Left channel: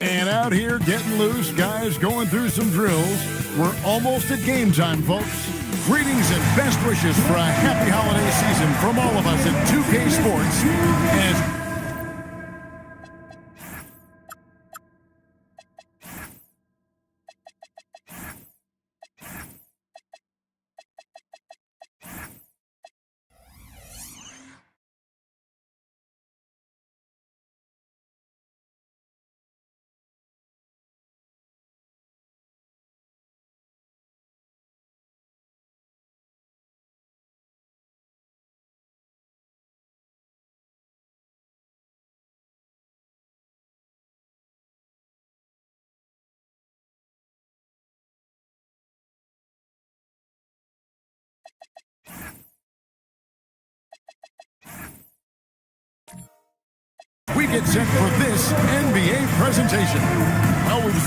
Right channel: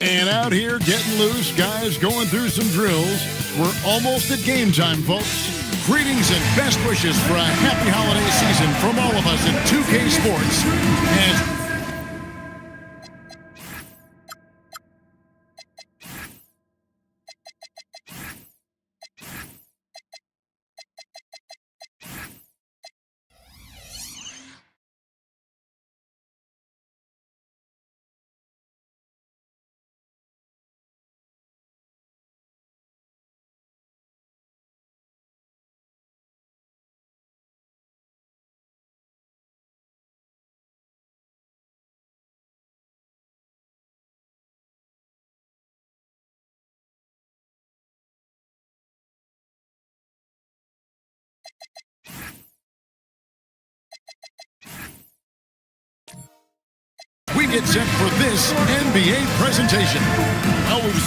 And out here getting loose, guys going through some drills. We're almost at game time, folks. Greetings and best wishes for a happy holiday season from all of us at 2K Sports. As we get set for this NBA presentation. Well, we've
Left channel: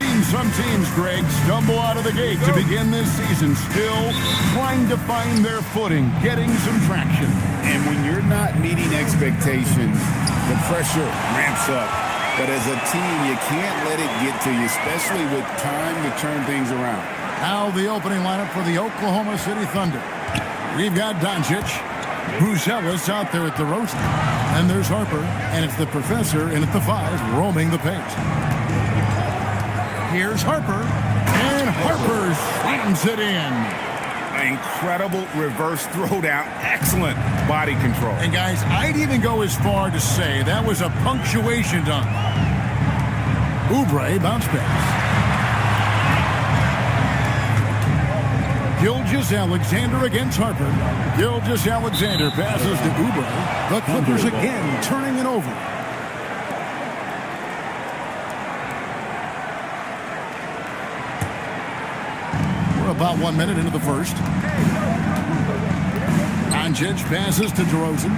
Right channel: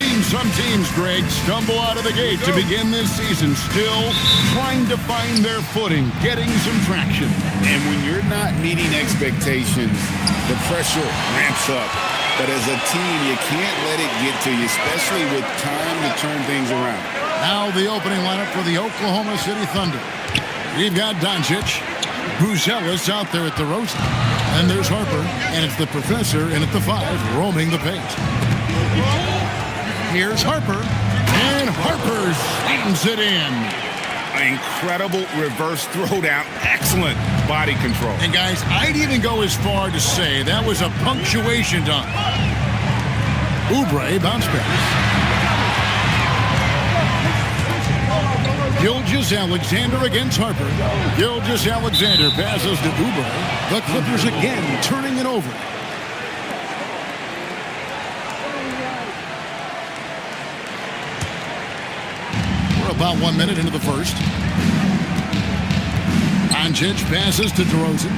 seen some teams, Greg, stumble out of the gate to begin this season, still trying to find their footing, getting some traction. And when you're not meeting expectations, the pressure ramps up. But as a team, you can't let it get to you, especially with time to turn things around. Now the opening lineup for the Oklahoma City Thunder. We've got Doncic, Buzelis out there at the DeRozan. And there's Harper, and it's the professor in at the 5, roaming the paint. Here's Harper, and Harper slams it in. An incredible reverse throwdown. Excellent body control. And guys, I'd even go as far to say that was a punctuation dunk. Oubre bounce pass. Gilgeous-Alexander against Harper. Gilgeous-Alexander passes to Oubre. The Clippers again turning it over. We're about 1 minute into the first. Doncic passes to DeRozan.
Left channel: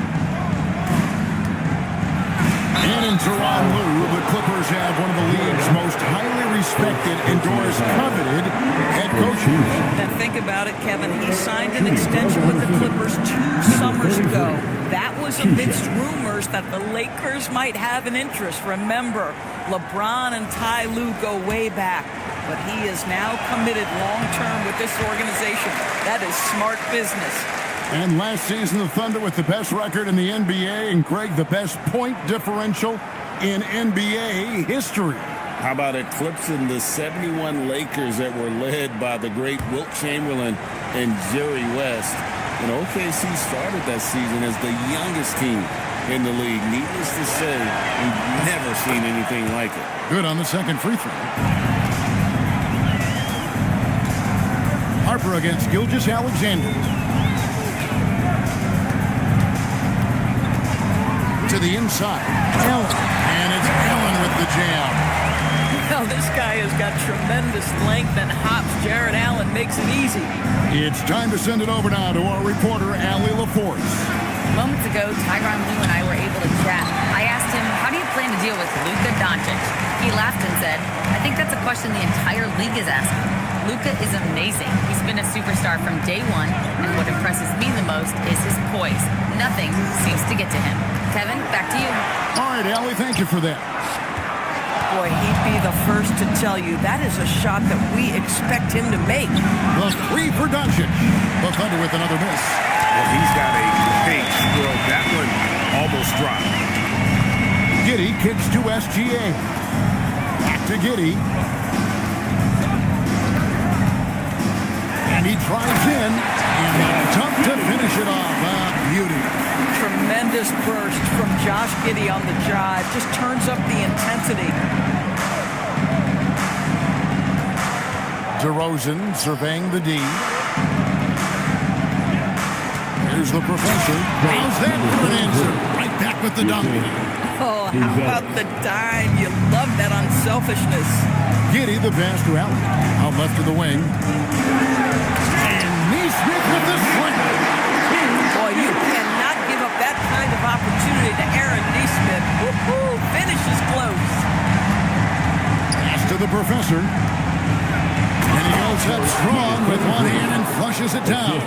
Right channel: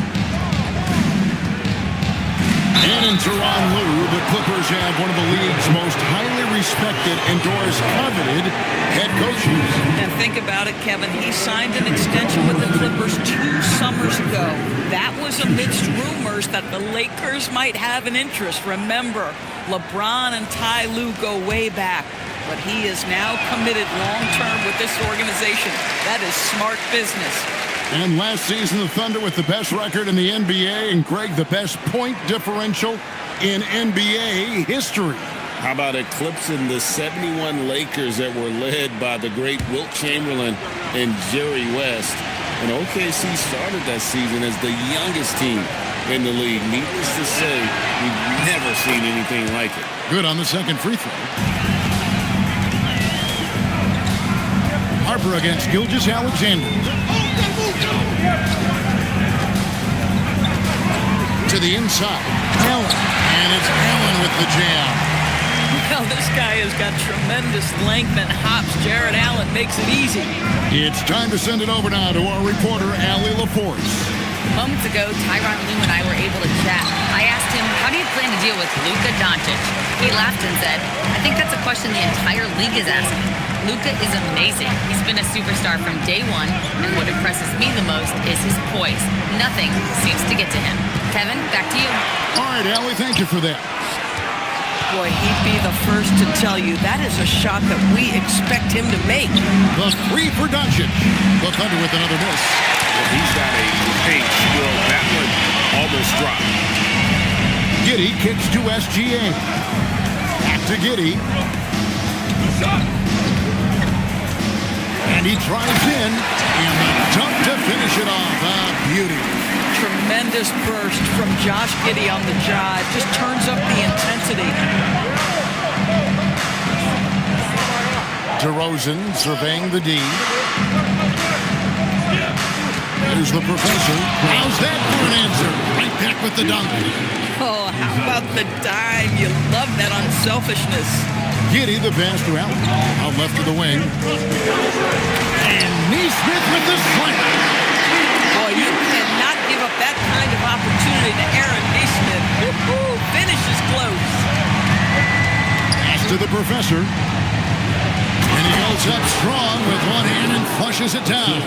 And in Tyronn Lue, the Clippers have one of the league's most highly respected, endorsed, coveted head coaches. And think about it, Kevin. He signed an extension with the Clippers 2 summers ago. That was amidst rumors that the Lakers might have an interest. Remember, LeBron and Ty Lue go way back. But he is now committed long-term with this organization. That is smart business. And last season, the Thunder with the best record in the NBA, and Greg, the best point differential in NBA history. How about eclipsing the 71 Lakers that were led by the great Wilt Chamberlain and Jerry West? And OKC started that season as the youngest team in the league. Needless to say, we've never seen anything like it. Good on the second free throw. Harper against Gilgeous-Alexander. To the inside, Allen, and it's Allen with the jam. Well, this guy has got tremendous length and hops. Jared Allen makes it easy. It's time to send it over now to our reporter, Allie LaForce. Moments ago, Tyronn Lue and I were able to chat. I asked him, how do you plan to deal with Luka Doncic? He laughed and said, I think that's a question the entire league is asking. Luka is amazing. He's been a superstar from day one, and what impresses me the most is his poise. Nothing seems to get to him. Kevin, back to you. All right, Allie, thank you for that. Boy, he'd be the first to tell you that is a shot that we expect him to make. The 3 for Doncic. The Thunder with another miss. Well, he's got a great stroke. That one almost dropped. Giddey kicks to SGA. Back to Giddey. And he drives in, and the dunk to finish it off. A beauty. Tremendous burst from Josh Giddey on the drive. Just turns up the intensity. DeRozan surveying the D. Here's the professor. How's that for an answer? Right back with the dunk. Oh, how about the dime? You love that unselfishness. Giddey the pass to Allen. Out left of the wing. And Neesmith with the slam. Boy, you cannot give up that kind of opportunity to Aaron Neesmith. Woo-hoo, finish is close. Pass to the professor. And he goes up strong with one hand and flushes it down.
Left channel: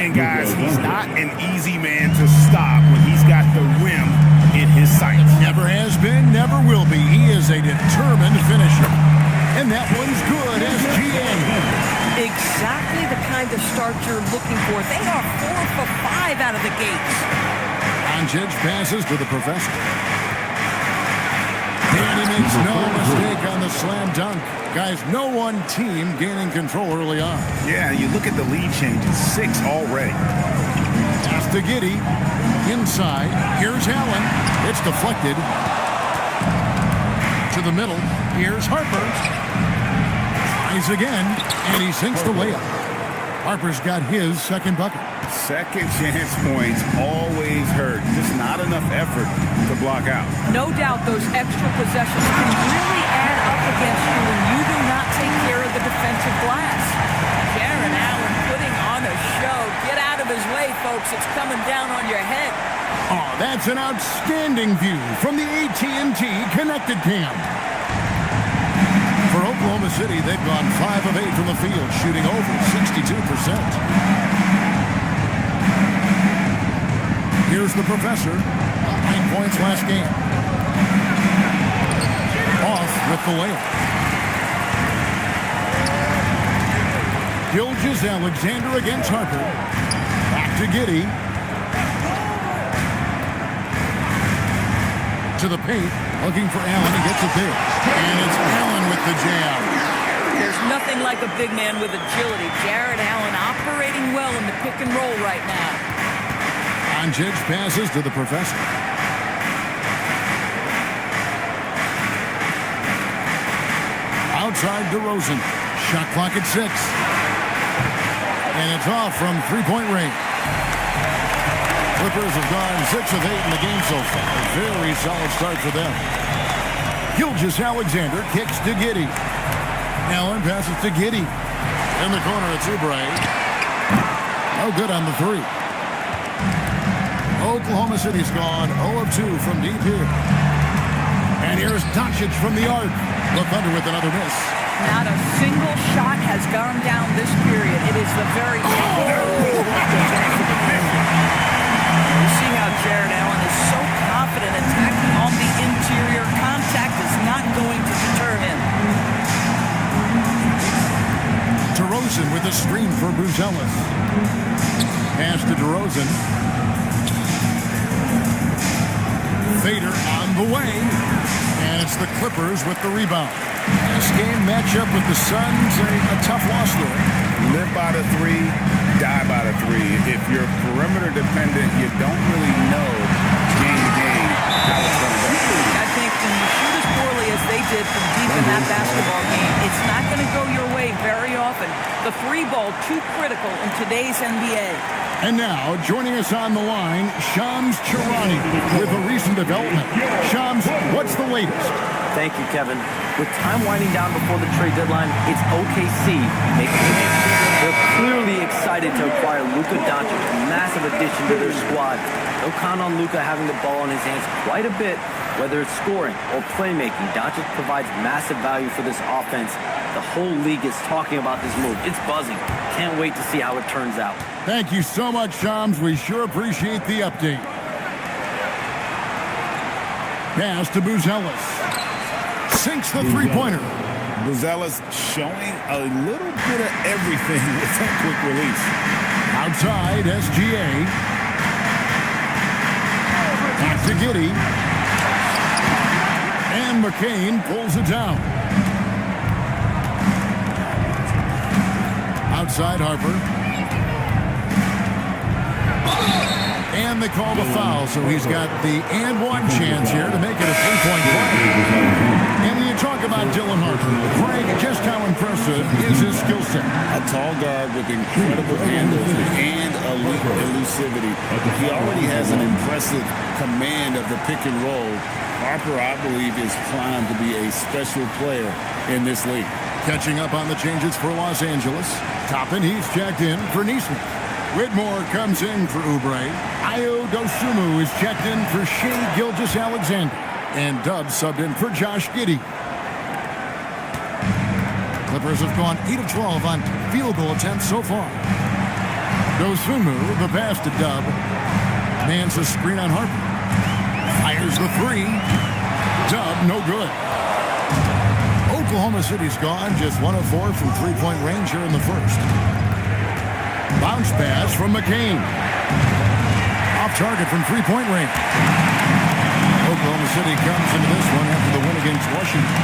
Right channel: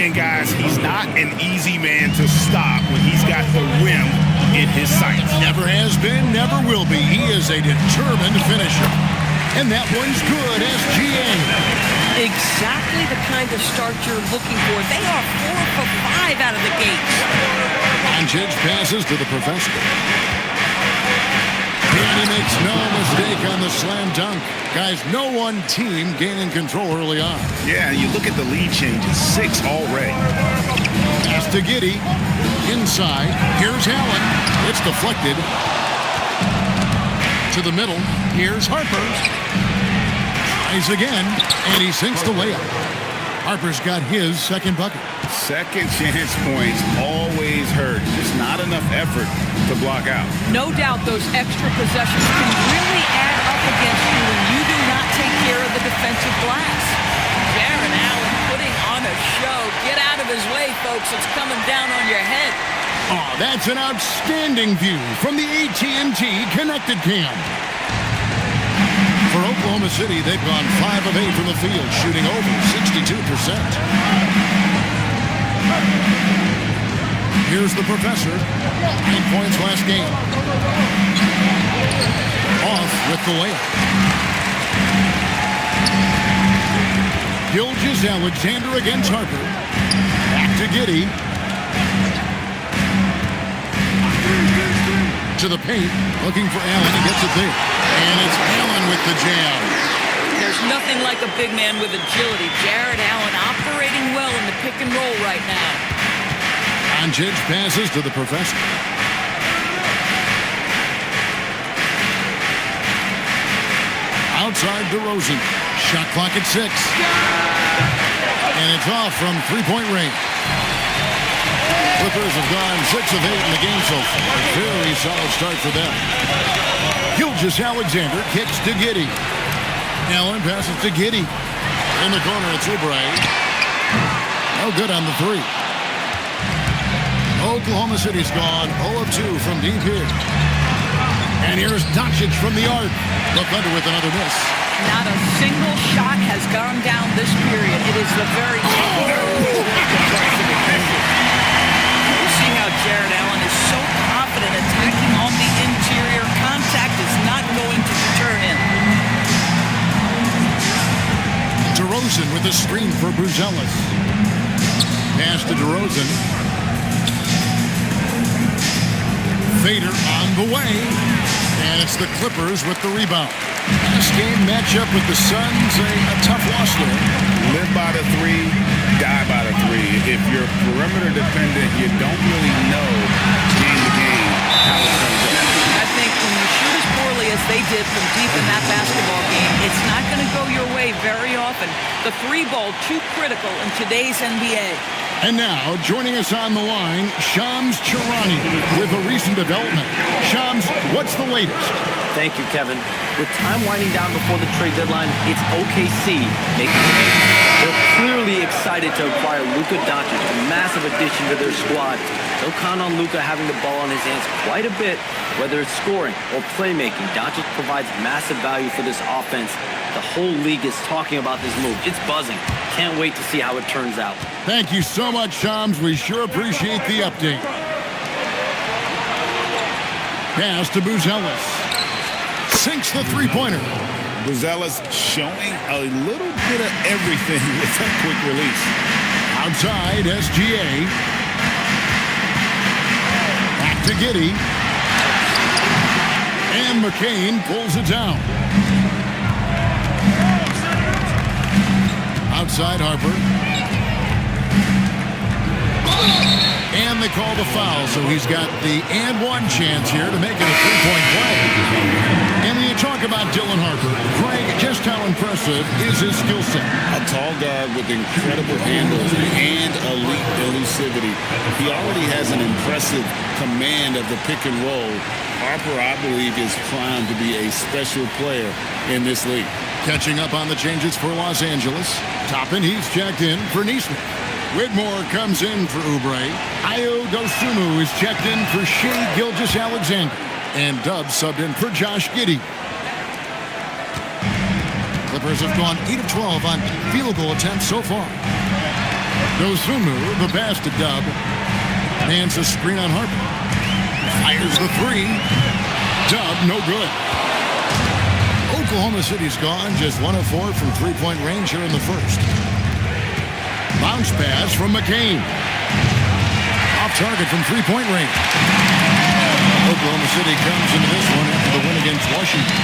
And guys, he's not an easy man to stop when he's got the rim in his sights. Never has been, never will be. He is a determined finisher. And that one's good, SGA. Exactly the kind of start you're looking for. They are 4 for 5 out of the gates. Doncic passes to the professor. And he makes no mistake on the slam dunk. Guys, no one team gaining control early on. Yeah, you look at the lead changes, 6 already. Pass to Giddey. Inside. Here's Allen. It's deflected. To the middle. Here's Harper. Tries again. And he sinks the layup. Harper's got his second bucket. Second chance points always hurt. Just not enough effort to block out. No doubt those extra possessions can really add up against you when you do not take care of the defensive glass. Jared Allen putting on a show. Get out of his way, folks. It's coming down on your head. Oh, that's an outstanding view from the AT&T Connected Cam. For Oklahoma City, they've gone 5 of 8 from the field, shooting over 62%. Here's the professor. 9 points last game. Off with the layup. Gilgeous-Alexander against Harper. Back to Giddey. To the paint. Looking for Allen. He gets it there. And it's Allen with the jam. There's nothing like a big man with agility. Jared Allen operating well in the pick and roll right now. Doncic passes to the professor. Outside DeRozan. Shot clock at 6. And it's off from three-point range. Clippers have gone 6 of 8 in the game so far. A very solid start for them. Gilgeous-Alexander kicks to Giddey. Allen passes to Giddey. In the corner, it's Oubre. No good on the 3. Oklahoma City's gone 0 of 2 from deep here. And here's Doncic from the arc. The Thunder with another miss. Not a single shot has gone down this period. It is the very... You see how Jared Allen is so confident attacking on the interior. Contact is not going to deter him. DeRozan with a screen for Buzelis. Pass to DeRozan. Fader on the way. And it's the Clippers with the rebound. This game matchup with the Suns, a tough loss there. Live by the 3, die by the 3. If you're perimeter dependent, you don't really know game to game how it's going to go. I think when you shoot as poorly as they did from deep in that basketball game, it's not going to go your way very often. The 3 ball too critical in today's NBA. And now, joining us on the line, Shams Charania with a recent development. Shams, what's the latest? Thank you, Kevin. With time winding down before the trade deadline, it's OKC making the move. They're clearly excited to acquire Luka Doncic, a massive addition to their squad. They'll count on Luka having the ball in his hands quite a bit, whether it's scoring or playmaking. Doncic provides massive value for this offense. The whole league is talking about this move. It's buzzing. Can't wait to see how it turns out. Thank you so much, Shams. We sure appreciate the update. Pass to Buzelis. Sinks the three-pointer. Buzelis showing a little bit of everything with that quick release. Outside, SGA. Back to Giddey. And McCain pulls it down. Outside Harper. And they call the foul, so he's got the and one chance here to make it a three-point play. And when you talk about Dylan Harper, Greg, just how impressive is his skill set? A tall guard with incredible handles and elite elusivity. He already has an impressive command of the pick and roll. Harper, I believe, is primed to be a special player in this league. Catching up on the changes for Los Angeles. Toppin, he's checked in for Neesmith. Whitmore comes in for Oubre. Ayo Dosunmu is checked in for Shai Gilgeous-Alexander. And Dubs subbed in for Josh Giddey. Clippers have gone 8 of 12 on field goal attempts so far. Dosunmu, the pass to Dub. Nance a screen on Harper. Fires the three. Dub, no good. Oklahoma City's gone just 1 of 4 from three-point range here in the first. Bounce pass from McCain. Off target from three-point range. Oklahoma City comes into this one after the win against Washington.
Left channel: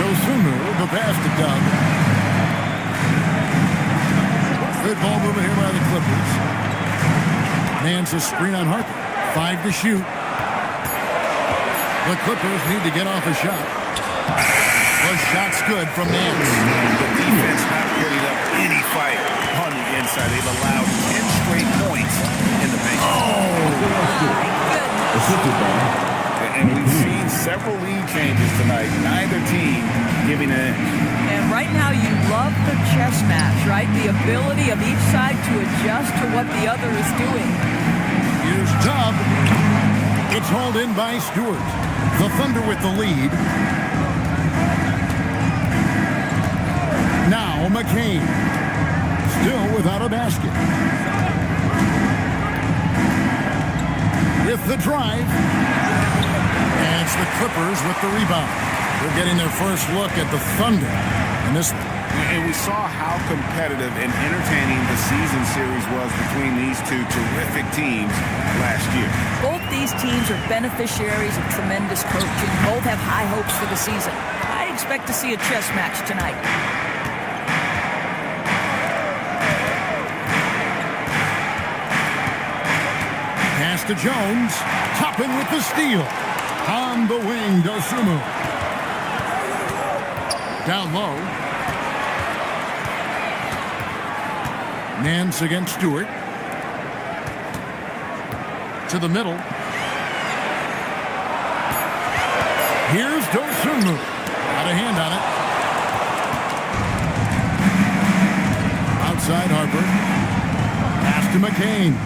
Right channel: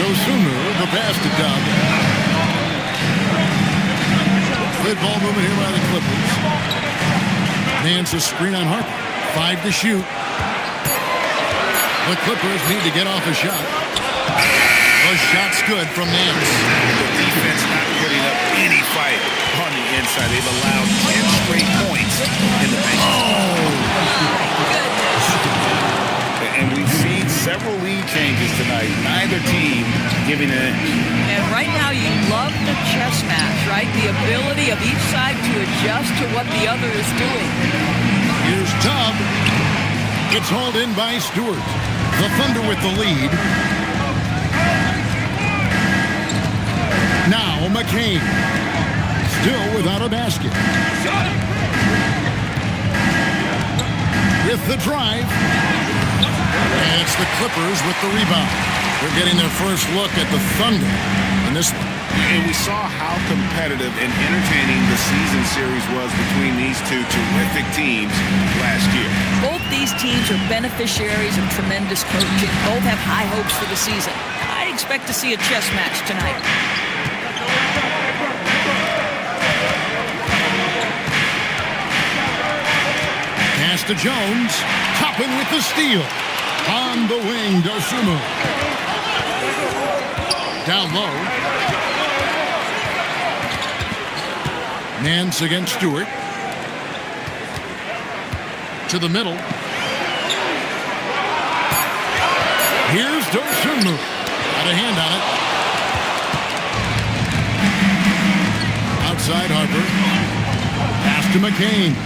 Dosunmu, the pass to Dub. Good ball movement here by the Clippers. Nance a screen on Harper. 5 to shoot. The Clippers need to get off a shot. The shot's good from Nance. The defense not putting up any fight on the inside. They've allowed 10 straight points in the paint. Oh, my goodness. And we've seen several lead changes tonight. Neither team giving an inch. And right now you love the chess match, right? The ability of each side to adjust to what the other is doing. Here's Dub. It's hauled in by Stewart. The Thunder with the lead. Now McCain. Still without a basket. With the drive. And it's the Clippers with the rebound. They're getting their first look at the Thunder in this one. And we saw how competitive and entertaining the season series was between these two terrific teams last year. Both these teams are beneficiaries of tremendous coaching. Both have high hopes for the season. I expect to see a chess match tonight. Pass to Jones. Toppin with the steal. On the wing, Dosunmu. Down low. Nance against Stewart. To the middle. Here's Dosunmu. Got a hand on it. Outside Harper. Pass to McCain.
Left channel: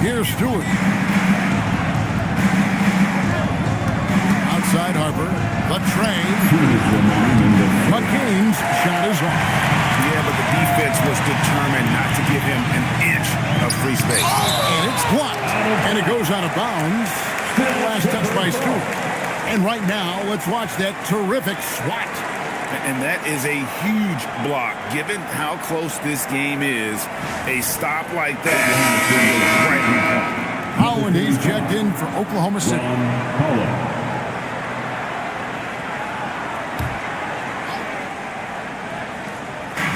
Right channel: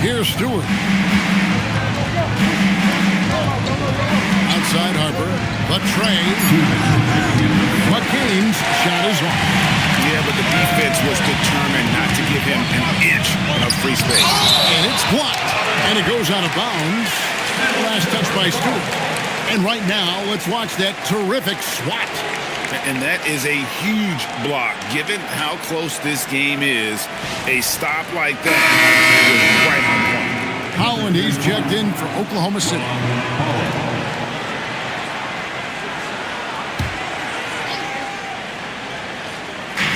Here's Stewart. Outside Harper. The tray. McCain's shot is off. Yeah, but the defense was determined not to give him an inch of free space. And it's blocked. And it goes out of bounds. Last touch by Stewart. And right now, let's watch that terrific swat. And that is a huge block. Given how close this game is, a stop like that was right on point. Holland, he's checked in for Oklahoma City.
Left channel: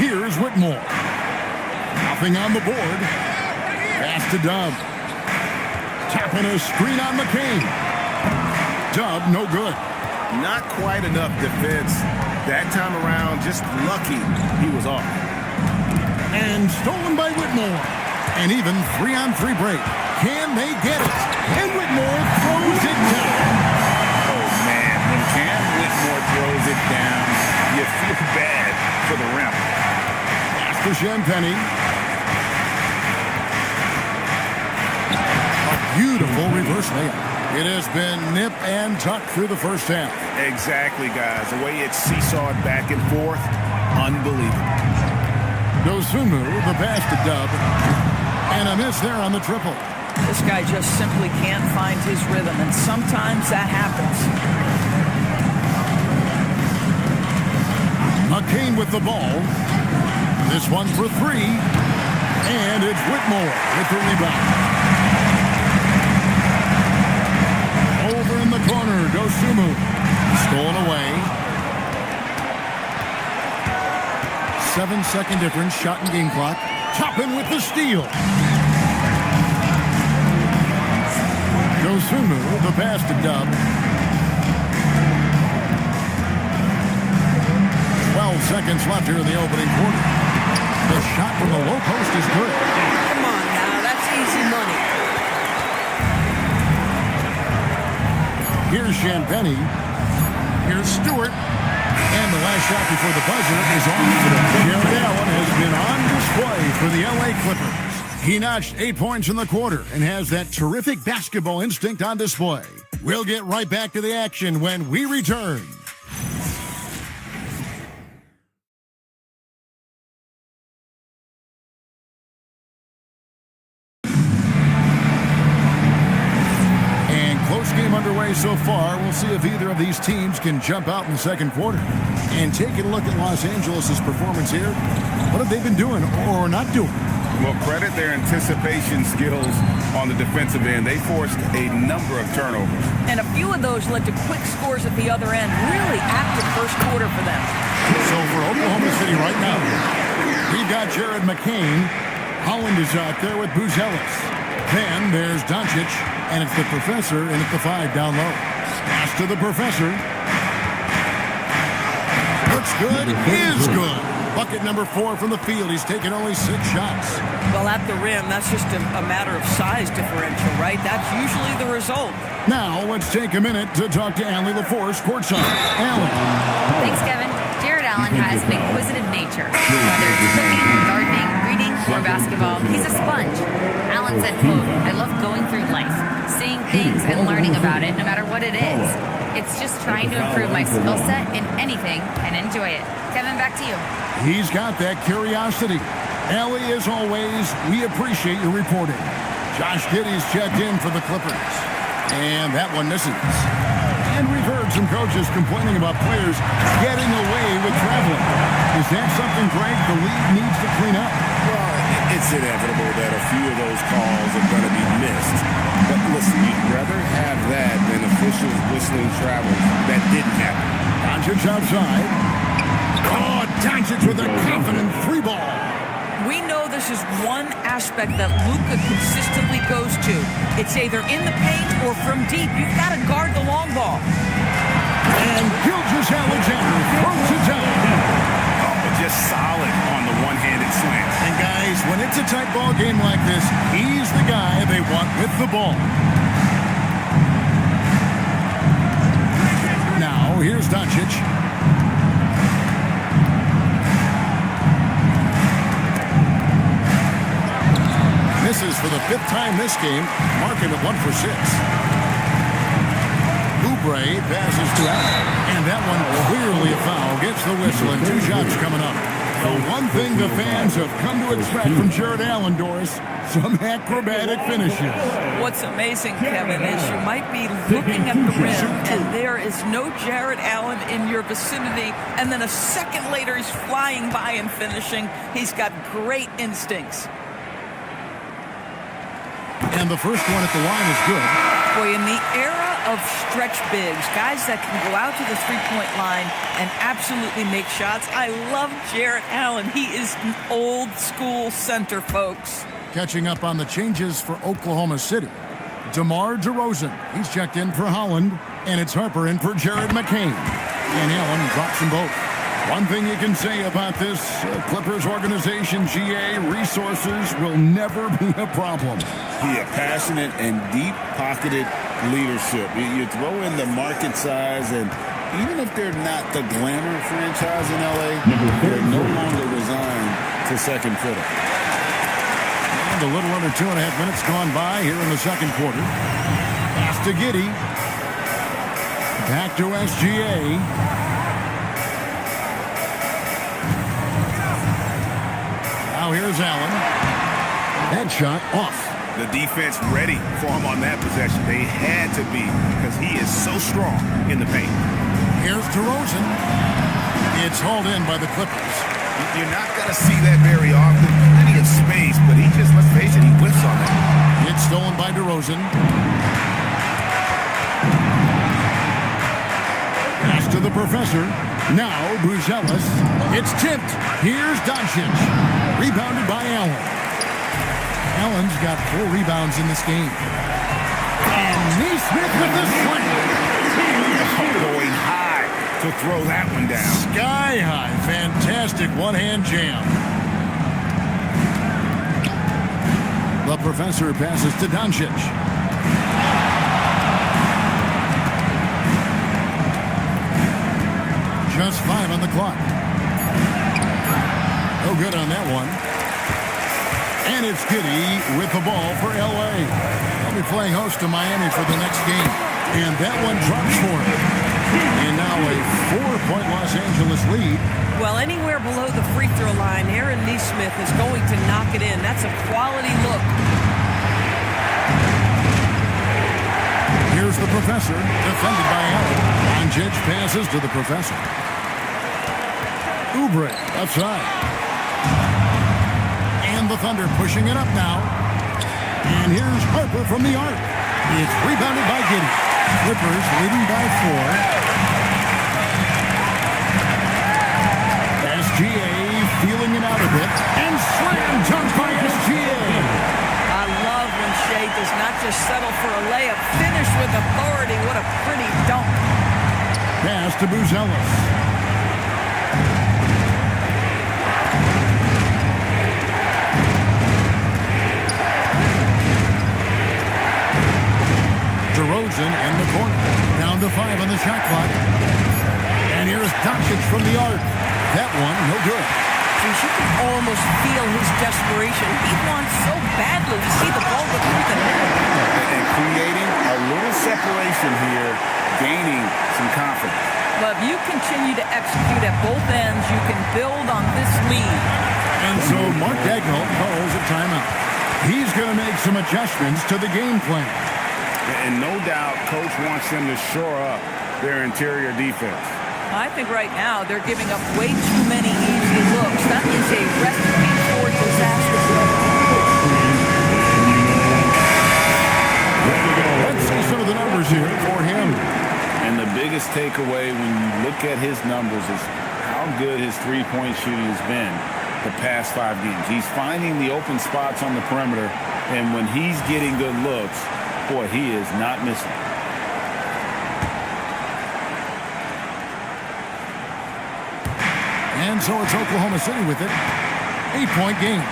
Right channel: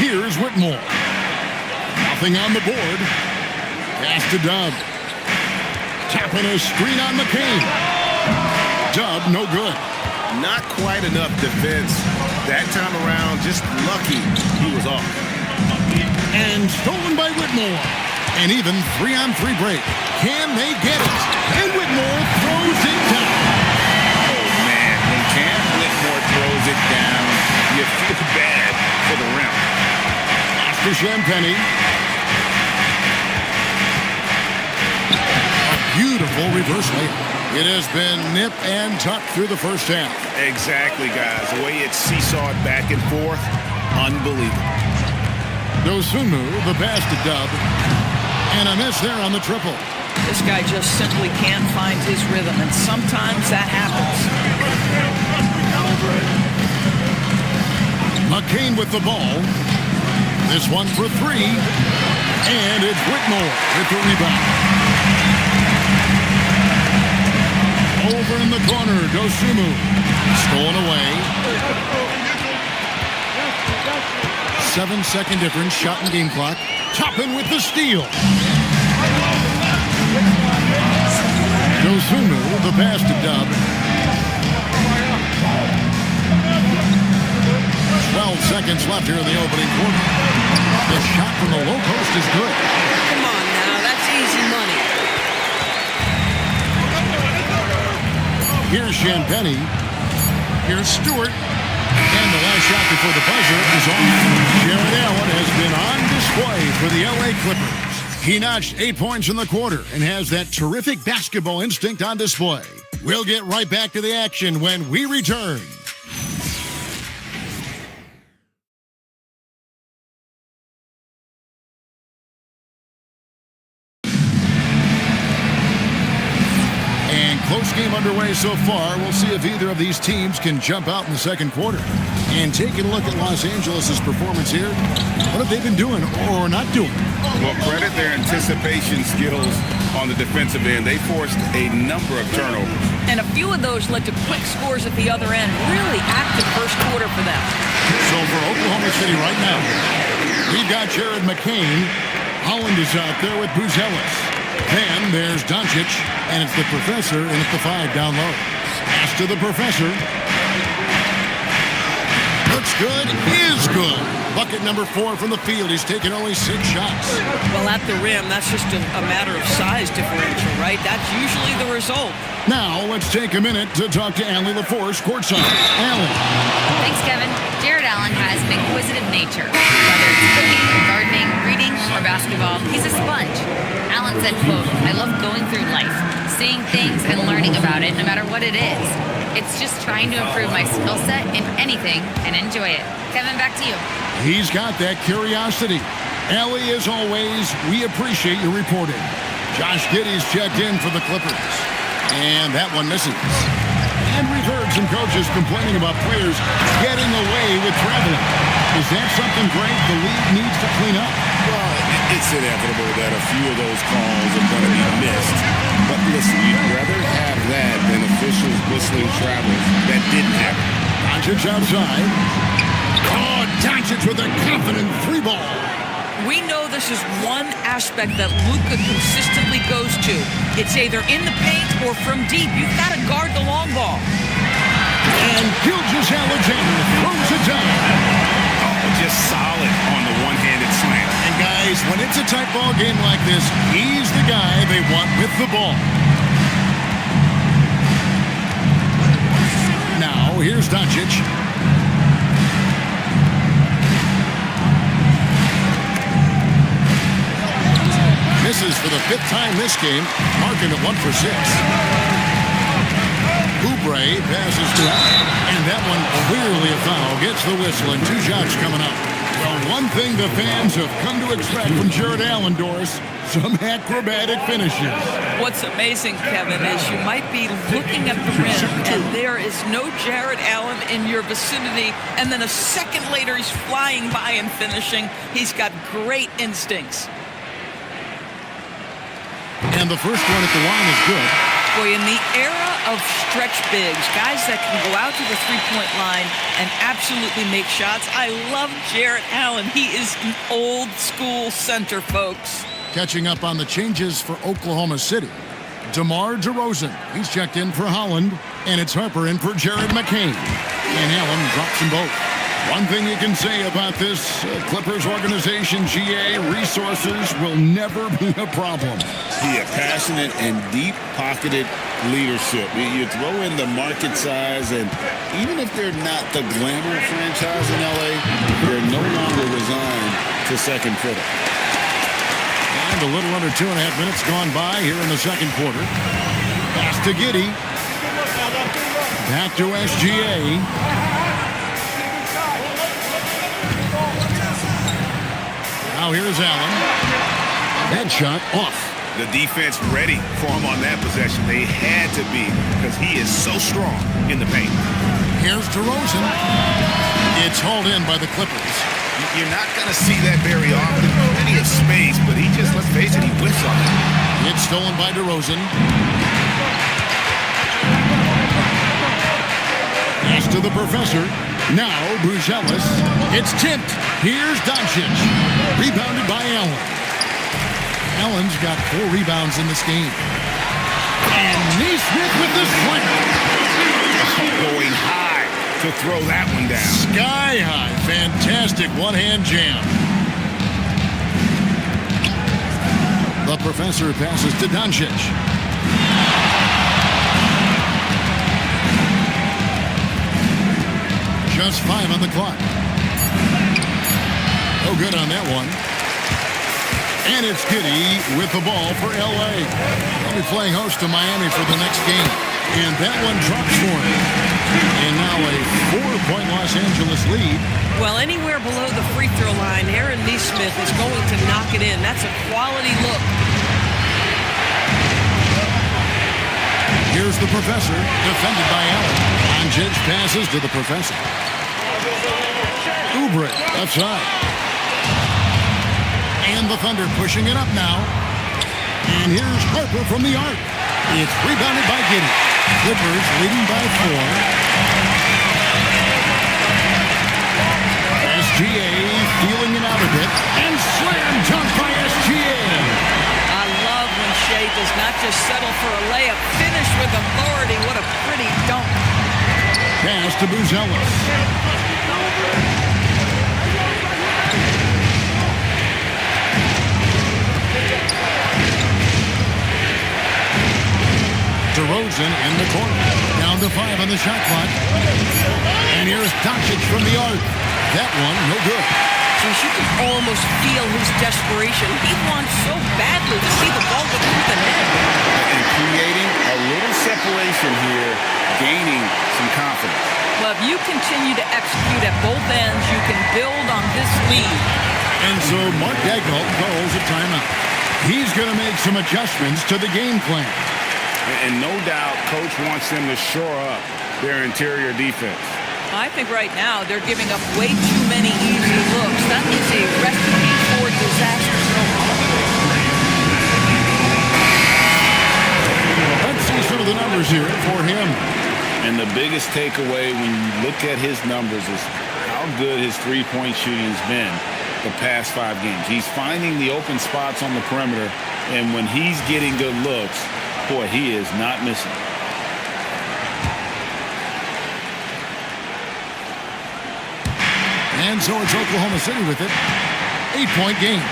Here's Whitmore. Nothing on the board. Pass to Dub. Tapping a screen on McCain. Dub, no good. Not quite enough defense. That time around, just lucky he was off. And stolen by Whitmore. An even 3-on-3 break. Can they get it? And Whitmore throws it down. Oh, man. When Cam Whitmore throws it down, you feel bad for the rim. Pass to Champagny. A beautiful reverse layup. It has been nip and tuck through the first half. Exactly, guys. The way it's seesawed back and forth, unbelievable. Dosunmu, the pass to Dub. And a miss there on the triple. This guy just simply can't find his rhythm, and sometimes that happens. McCain with the ball. This one for three. And it's Whitmore with the rebound. Over in the corner, Dosunmu. Stolen away. 7-second difference, shot and game clock. Toppin with the steal. Dosunmu, the pass to Dub. 12 seconds left here in the opening quarter. The shot from the low post is good. Come on now, that's easy money. Here's Champagny. Here's Stewart. And the last shot before the buzzer is off. Jared Allen has been on display for the LA Clippers. He notched 8 points in the quarter and has that terrific basketball instinct on display. We'll get right back to the action when we return. game underway so far. We'll see if either of these teams can jump out in the second quarter. And taking a look at Los Angeles' performance here, what have they been doing or not doing? Well, credit their anticipation skills on the defensive end. They forced a number of turnovers. And a few of those led to quick scores at the other end. Really active first quarter for them. So for Oklahoma City right now, we've got Jared McCain. Holland is out there with Buzelis. Then there's Doncic, and it's the professor in at the 5 down low. Pass to the professor. Looks good, is good. Bucket number 4 from the field. He's taken only 6 shots. Well, at the rim, that's just a matter of size differential, right? That's usually the result. Now, let's take a minute to talk to Allie LaForce, courtside. Allie. Thanks, Kevin. Jared Allen has an inquisitive nature. Whether it's cooking, gardening, reading, or basketball, he's a sponge. Allen said, quote, "I love going through life, seeing things and learning about it no matter what it is. It's just trying to improve my skill set in anything and enjoy it." Kevin, back to you. He's got that curiosity. Allie, as always, we appreciate your reporting. Josh Giddey's checked in for the Clippers. And that one misses. And we've heard some coaches complaining about players getting away with traveling. Is that something, Greg, the league needs to clean up? Well, it's inevitable that a few of those calls are going to be missed. But listen, you'd rather have that than officials whistling travels that didn't happen. Doncic outside. Oh, Doncic with a confident 3-ball. We know this is one aspect that Luka consistently goes to. It's either in the paint or from deep. You've got to guard the long ball. And Gilgeous-Alexander throws it down. Oh, just solid on the one-handed slam. And guys, when it's a tight ball game like this, he's the guy they want with the ball. Now, here's Doncic. Misses for the 5th time this game, marking it 1 for 6. Oubre passes to Allen, and that one clearly a foul. Gets the whistle, and 2 shots coming up. Well, one thing the fans have come to expect from Jared Allen, Doris, some acrobatic finishes. What's amazing, Kevin, is you might be looking at the rim, and there is no Jared Allen in your vicinity, and then a second later he's flying by and finishing. He's got great instincts. And the first one at the line is good. Boy, in the era of stretch bigs, guys that can go out to the three-point line and absolutely make shots, I love Jared Allen. He is an old-school center, folks. Catching up on the changes for Oklahoma City. DeMar DeRozan, he's checked in for Holland, and it's Harper in for Jared McCain. And Allen drops them both. One thing you can say about this Clippers organization, GA, resources will never be a problem. Yeah, passionate and deep-pocketed leadership. You throw in the market size, and even if they're not the glamour franchise in L.A., they're no longer resigned to second fiddle. And a little under 2.5 minutes gone by here in the second quarter. Pass to Giddey. Back to SGA. Now here's Allen. That shot off. The defense ready for him on that possession. They had to be, because he is so strong in the paint. Here's DeRozan. It's hauled in by the Clippers. You're not going to see that very often. Plenty of space, but he just, let's face it, he whiffs on that. It's stolen by DeRozan. Pass to the professor. Now Buzelis. It's tipped. Here's Doncic. Rebounded by Allen. Allen's got 4 rebounds in this game. And Neesmith with the slam. Going high to throw that one down. Sky high. Fantastic one-hand jam. The professor passes to Doncic. Just 5 on the clock. No good on that one. And it's Giddey with the ball for L.A. They'll be playing host to Miami for the next game. And that one drops for him. And now a 4-point Los Angeles lead. Well, anywhere below the free throw line, Aaron Neesmith is going to knock it in. That's a quality look. Here's the professor, defended by Allen. Doncic passes to the professor. Oubre, left side. And the Thunder pushing it up now. And here's Harper from the arc. It's rebounded by Giddey. Clippers leading by 4. SGA feeling it out a bit. And slam dunk by SGA. I love when Shea does not just settle for a layup. Finish with authority. What a pretty dunk. Pass to Buzelis. DeRozan in the corner. Down to 5 on the shot clock. And here's Doncic from the arc. That one, no good. Geez, you can almost feel his desperation. He wants so badly to see the ball go through the net. And creating a little separation here, gaining some confidence. Well, if you continue to execute at both ends, you can build on this lead. And so Mark Daigneault calls a timeout. He's going to make some adjustments to the game plan. And no doubt, Coach wants them to shore up their interior defense. I think right now they're giving up way too many easy looks. That is a recipe for disaster. Let's see some of the numbers here for him. And the biggest takeaway when you look at his numbers is how good his three-point shooting has been the past 5 games. He's finding the open spots on the perimeter, and when he's getting good looks, boy, he is not missing. And so it's Oklahoma City with it. 8-point game.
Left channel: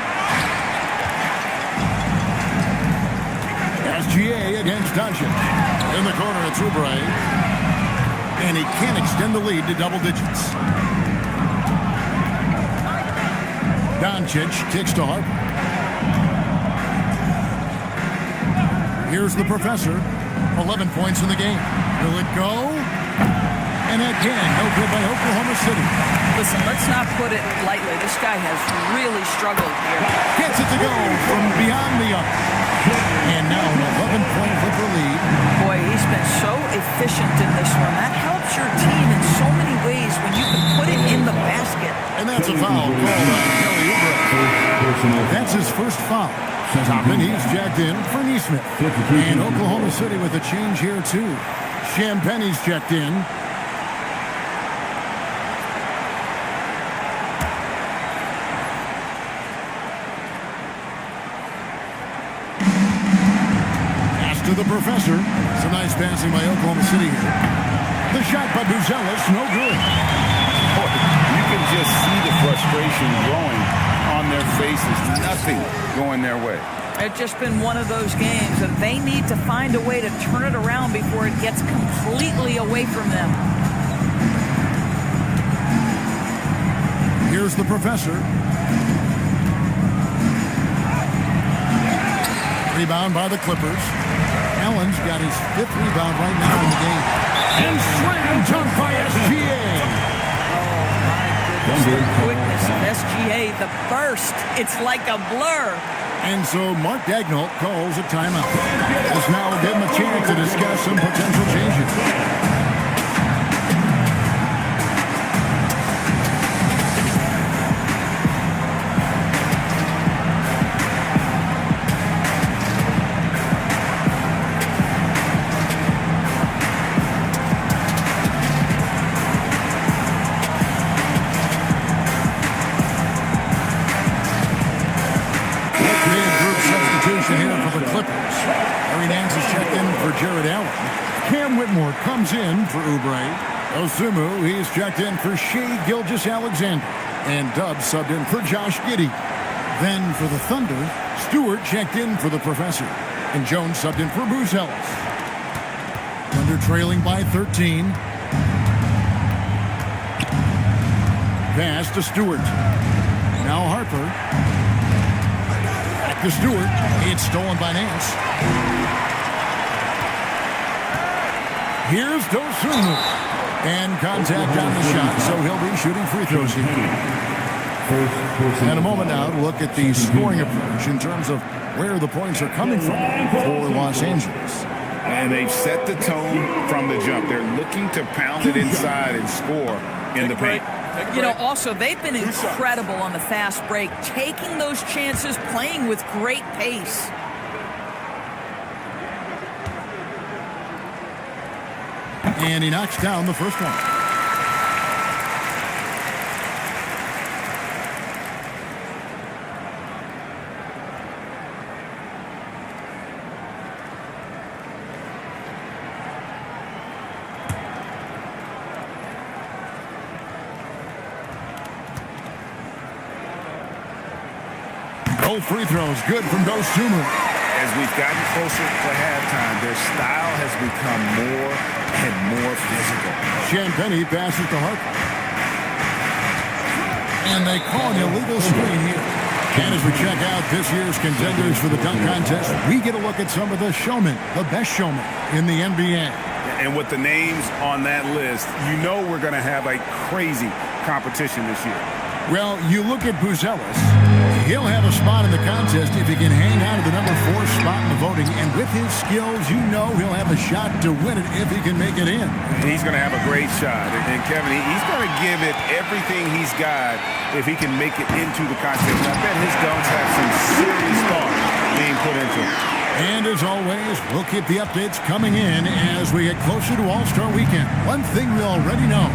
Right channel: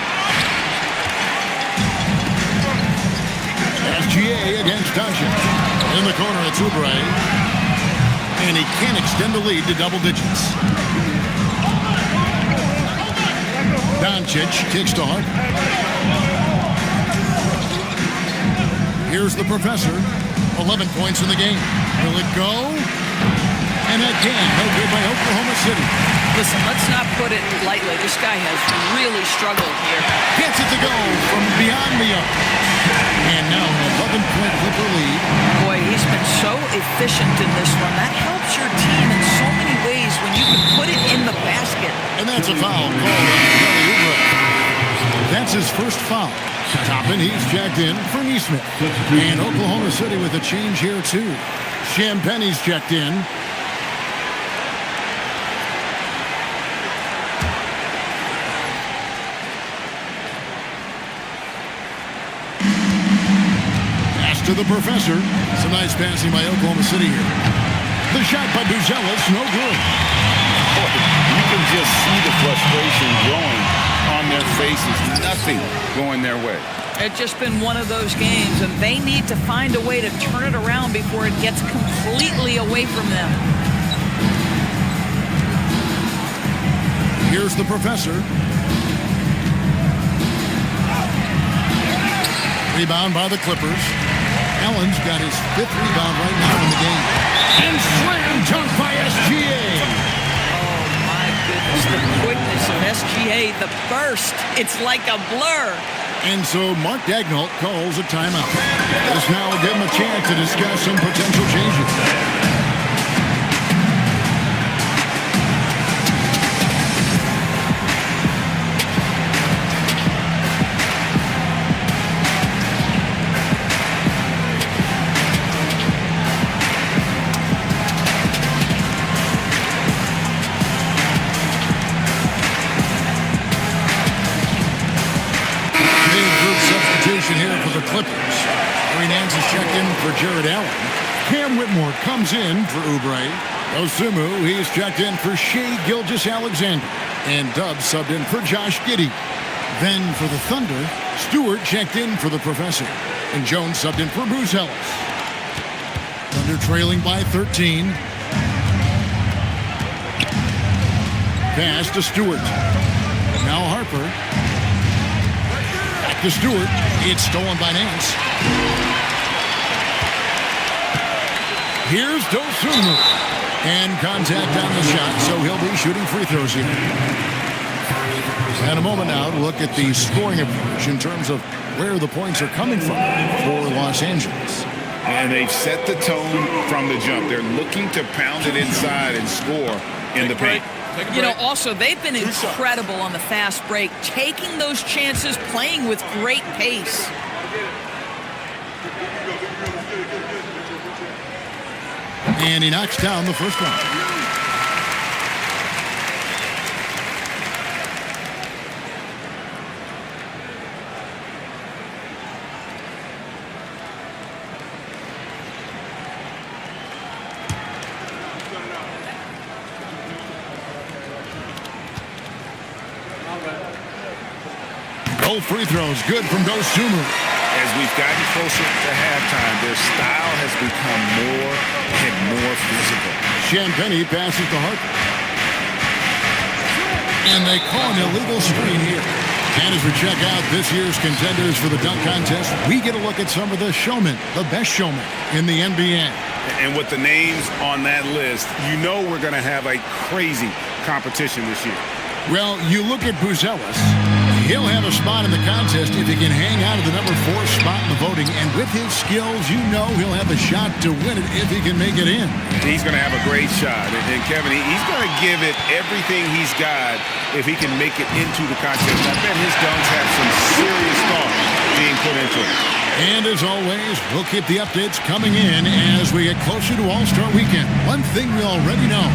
SGA against Doncic. In the corner, it's Oubre. And he can't extend the lead to double digits. Doncic kicks to Harper. Here's the professor. 11 points in the game. Will it go? And again, no good by Oklahoma City. Listen, let's not put it lightly. This guy has really struggled here. Gets it to go from beyond the arc. And now an 11-point Clipper lead. Boy, he's been so efficient in this one. That helps your team in so many ways when you can put it in the basket. And that's a foul called on Kelly Oubre. That's his first foul. Toppin, he's checked in for Neesmith. And Oklahoma City with a change here, too. Champagne's checked in. Pass to the professor. Some nice passing by Oklahoma City here. The shot by Buzelis, no good. Boy, you can just see the frustration growing on their faces. Nothing going their way. It's just been one of those games, and they need to find a way to turn it around before it gets completely away from them. Here's the professor. Rebound by the Clippers. Allen's got his 5th rebound right now in the game. And slam dunk by SGA. Oh, my goodness, the quickness of SGA, the burst. It's like a blur. And so Mark Daigneault calls a timeout. This now will give him a chance to discuss some potential changes. Here for the Clippers. Larry Nance is checked in for Jared Allen. Cam Whitmore comes in for Oubre. Osumu, he's checked in for Shea Gilgeous-Alexander. And Dubs subbed in for Josh Giddey. Then for the Thunder, Stewart checked in for the Professor. And Jones subbed in for Buzelis. Thunder trailing by 13. Pass to Stewart. Now Harper. Back to Stewart. It's stolen by Nance. Here's Dosunmu. And contact on the shot, so he'll be shooting free throws here. And a moment now to look at the scoring approach in terms of where the points are coming from for Los Angeles. And they've set the tone from the jump. They're looking to pound it inside and score in the paint. You know, also, they've been incredible on the fast break, taking those chances, playing with great pace. And he knocks down the first one. Both free throws good from Dosunmu. As we've gotten closer to halftime, their style has become more and more physical. Champagny passes to Harper. And they call an illegal screen here. And as we check out this year's contenders for the dunk contest, we get a look at some of the showmen, the best showmen in the NBA. And with the names on that list, you know we're going to have a crazy competition this year. Well, you look at Buzelis. He'll have a spot in the contest if he can hang out at the number 4 spot in the voting. And with his skills, you know he'll have a shot to win it if he can make it in. He's going to have a great shot. And Kevin, he's going to give it everything he's got if he can make it into the contest. And I bet his dunks have some serious thought being put into it. And as always, we'll keep the updates coming in as we get closer to All-Star Weekend. One thing we already know.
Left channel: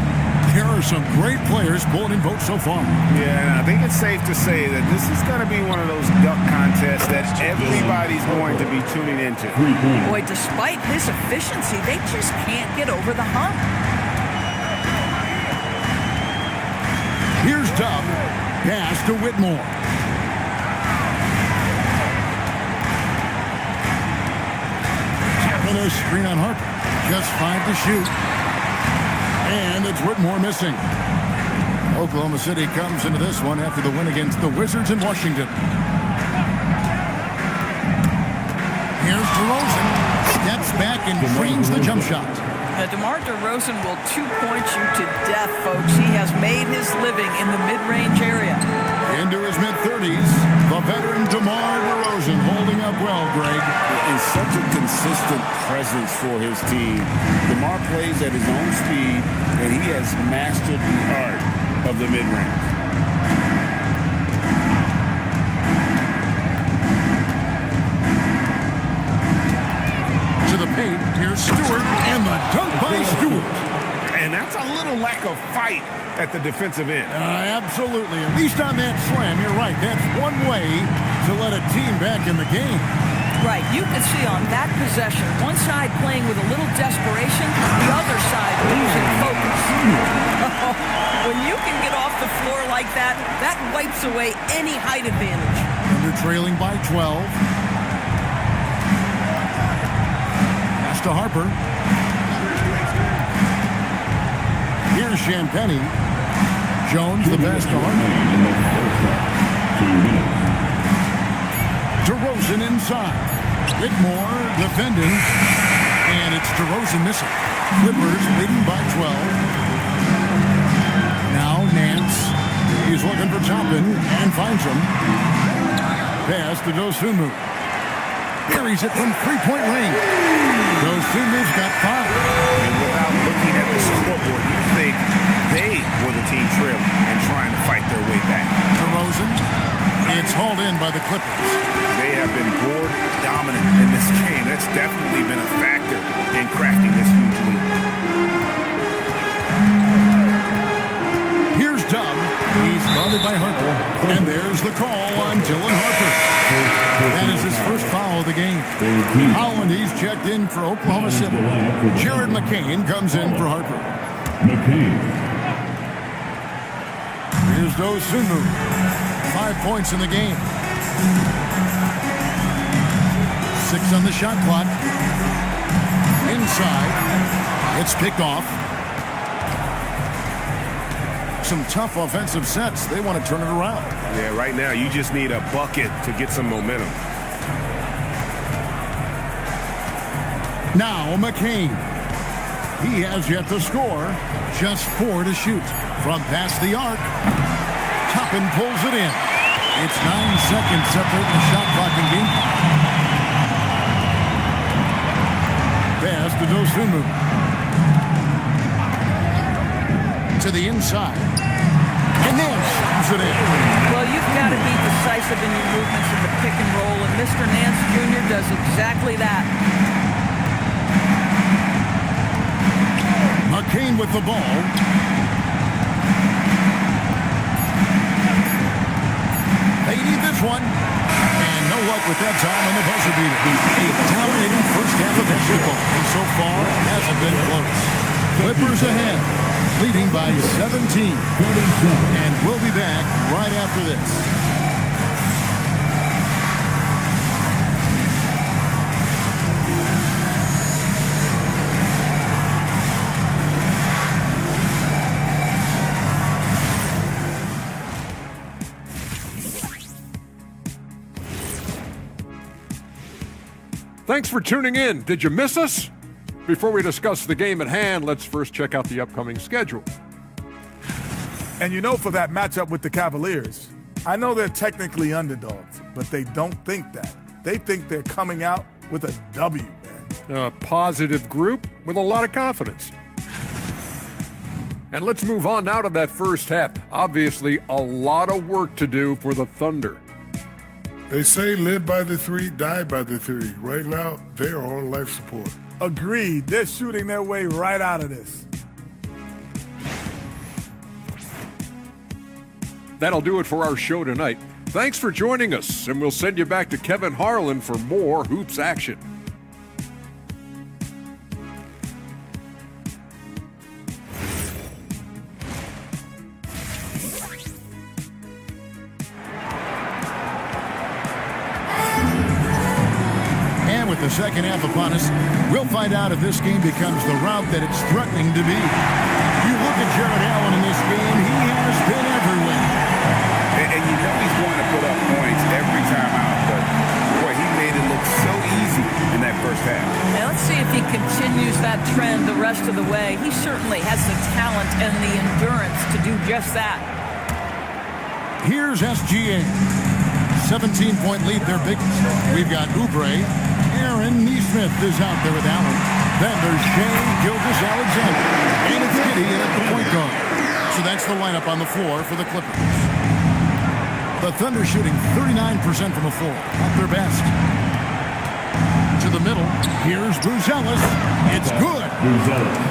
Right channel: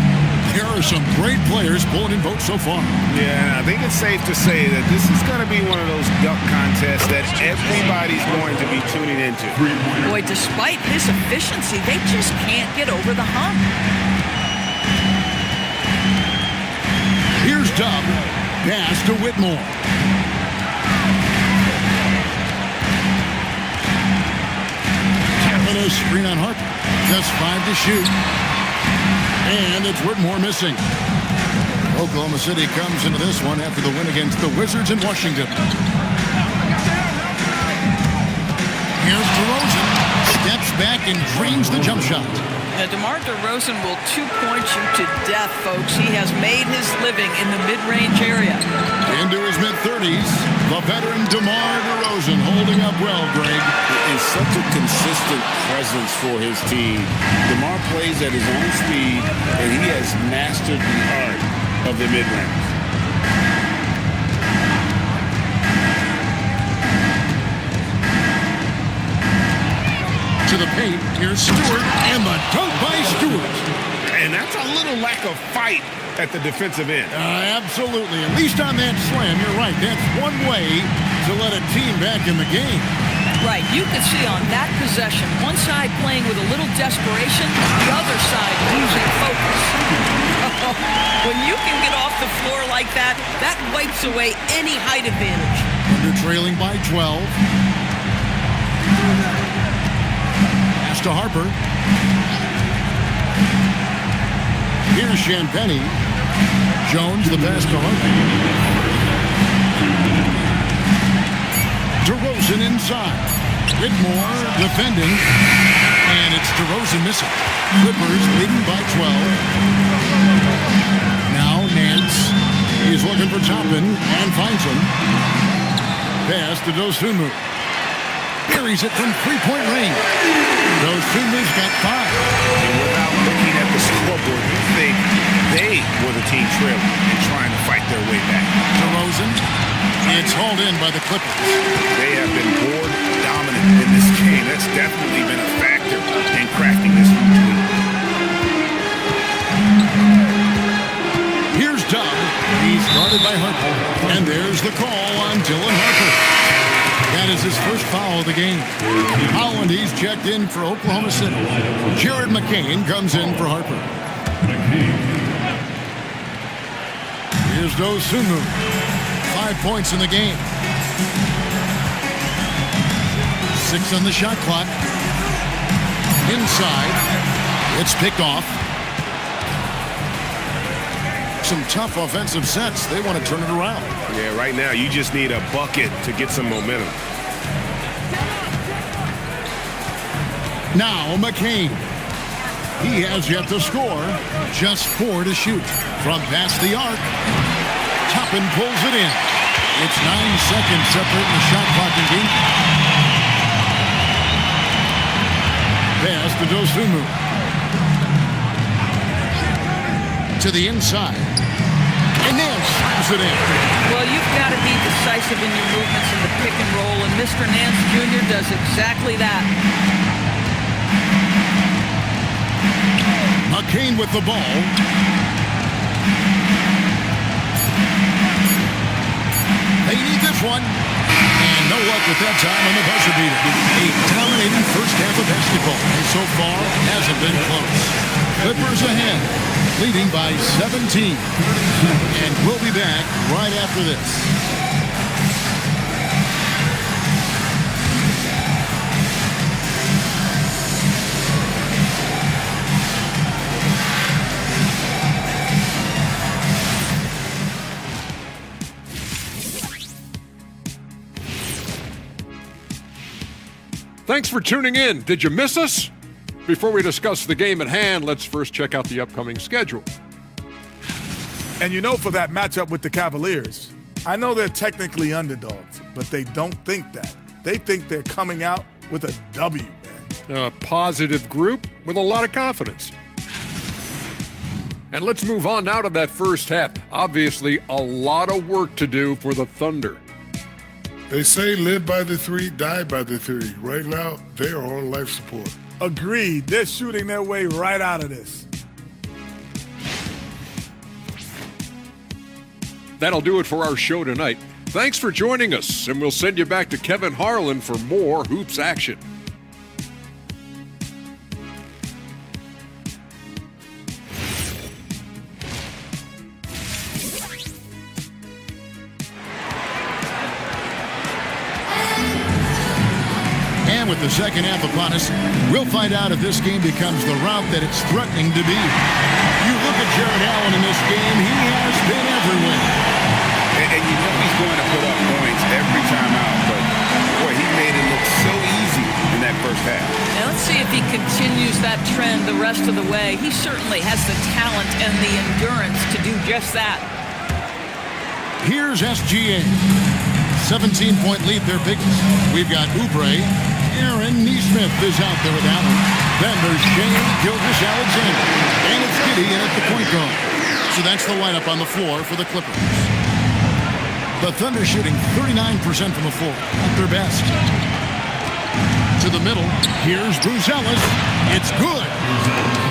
There are some great players pulling in votes so far. Yeah, and I think it's safe to say that this is going to be one of those dunk contests that everybody's going to be tuning into. Boy, despite his efficiency, they just can't get over the hump. Here's Dub. Pass to Whitmore. Tapping a screen on Harper. Just 5 to shoot. And it's Whitmore missing. Oklahoma City comes into this one after the win against the Wizards in Washington. Here's DeRozan. Steps back and drains the jump shot. Now, DeMar DeRozan will two-point you to death, folks. He has made his living in the mid-range area. Into his mid-30s, the veteran DeMar DeRozan holding up well, Greg. Is such a consistent presence for his team. DeMar plays at his own speed, and he has mastered the art of the mid-range. To the paint, here's Stewart, and the dunk by Stewart. And that's a little lack of fight at the defensive end. Absolutely. At least on that slam, you're right. That's one way to let a team back in the game. Right, you can see on that possession, one side playing with a little desperation, the other side losing focus. When you can get off the floor like that, that wipes away any height advantage. Under trailing by 12. Pass to Harper. Here's Champagny. Jones, the pass to Harper. DeRozan inside. Whitmore defending. And it's DeRozan missing. Clippers leading by 12. Now Nance. He's looking for Toppin and finds him. Pass to Dosunmu. Buries it from three-point range. Dosunmu's got 5. And without looking at the scoreboard, you think they were the team trailing and trying to fight their way back. DeRozan. It's hauled in by the Clippers. They have been board dominant in this game. That's definitely been a factor in crafting this huge lead. Here's Dub. He's guarded by Harper. And there's the call on Dylan Harper. That is his first foul of the game. Holland, he's checked in for Oklahoma City. Jared McCain comes in for Harper. Here's Dosunmu. 5 points in the game. 6 on the shot clock. Inside. It's picked off. Some tough offensive sets. They want to turn it around. Yeah, right now you just need a bucket to get some momentum. Now McCain. He has yet to score. Just 4 to shoot. From past the arc. Toppin pulls it in. It's 9 seconds separating the shot clock and game. pass to Dosunmu. To the inside. And Nance slams it in. Well, you've got to be decisive in your movements in the pick and roll, and Mr. Nance Jr. does exactly that. McCain with the ball. They need this one. And no luck with that time on the buzzer beater. A dominating first half of basketball, and so far hasn't been close. Clippers ahead, leading by 17. And we'll be back right after this. Thanks for tuning in. Did you miss us? Before we discuss the game at hand, let's first check out the upcoming schedule. And you know, for that matchup with the Cavaliers, I know they're technically underdogs, but they don't think that. They think they're coming out with a W, man. A positive group with a lot of confidence. And let's move on now to that first half. Obviously, a lot of work to do for the Thunder. They say live by the three, die by the three. Right now, they are on life support. Agreed. They're shooting their way right out of this. That'll do it for our show tonight. Thanks for joining us, and we'll send you back to Kevin Harlan for more hoops action. And with the second half upon us, we'll find out if this game becomes the route that it's threatening to be. You look at Jared Allen in this game, he has been everywhere. And you know he's going to put up points every time out, but boy, he made it look so easy in that first half. Now let's see if he continues that trend the rest of the way. He certainly has the talent and the endurance to do just that. Here's SGA. 17-point lead, their biggest. We've got Oubre. Aaron Neesmith is out there with Allen. Then there's Shea Gilgeous-Alexander. And it's Giddey in at the point guard. So that's the lineup on the floor for the Clippers. The Thunder shooting 39% from the floor. At their best. To the middle. Here's Buzelis. It's good.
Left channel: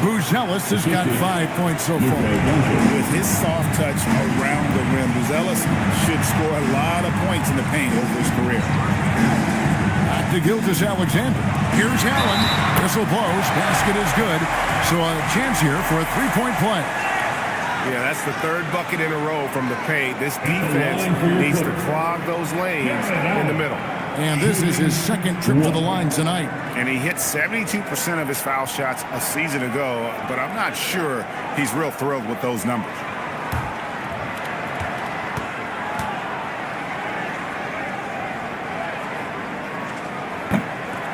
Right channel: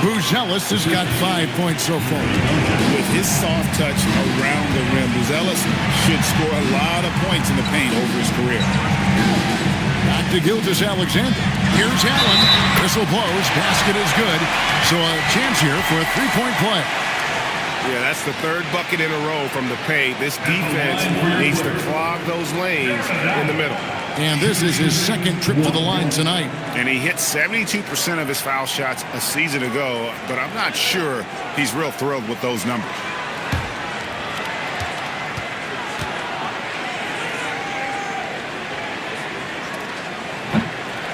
Buzelis has got 5 points so far. With his soft touch around the rim, Buzelis should score a lot of points in the paint over his career. Back to Gilgeous-Alexander. Here's Allen. Whistle blows. Basket is good. So a chance here for a three-point play. Yeah, that's the third bucket in a row from the paint. This defense needs to clog those lanes in the middle. And this is his second trip to the line tonight. And he hit 72% of his foul shots a season ago, but I'm not sure he's real thrilled with those numbers.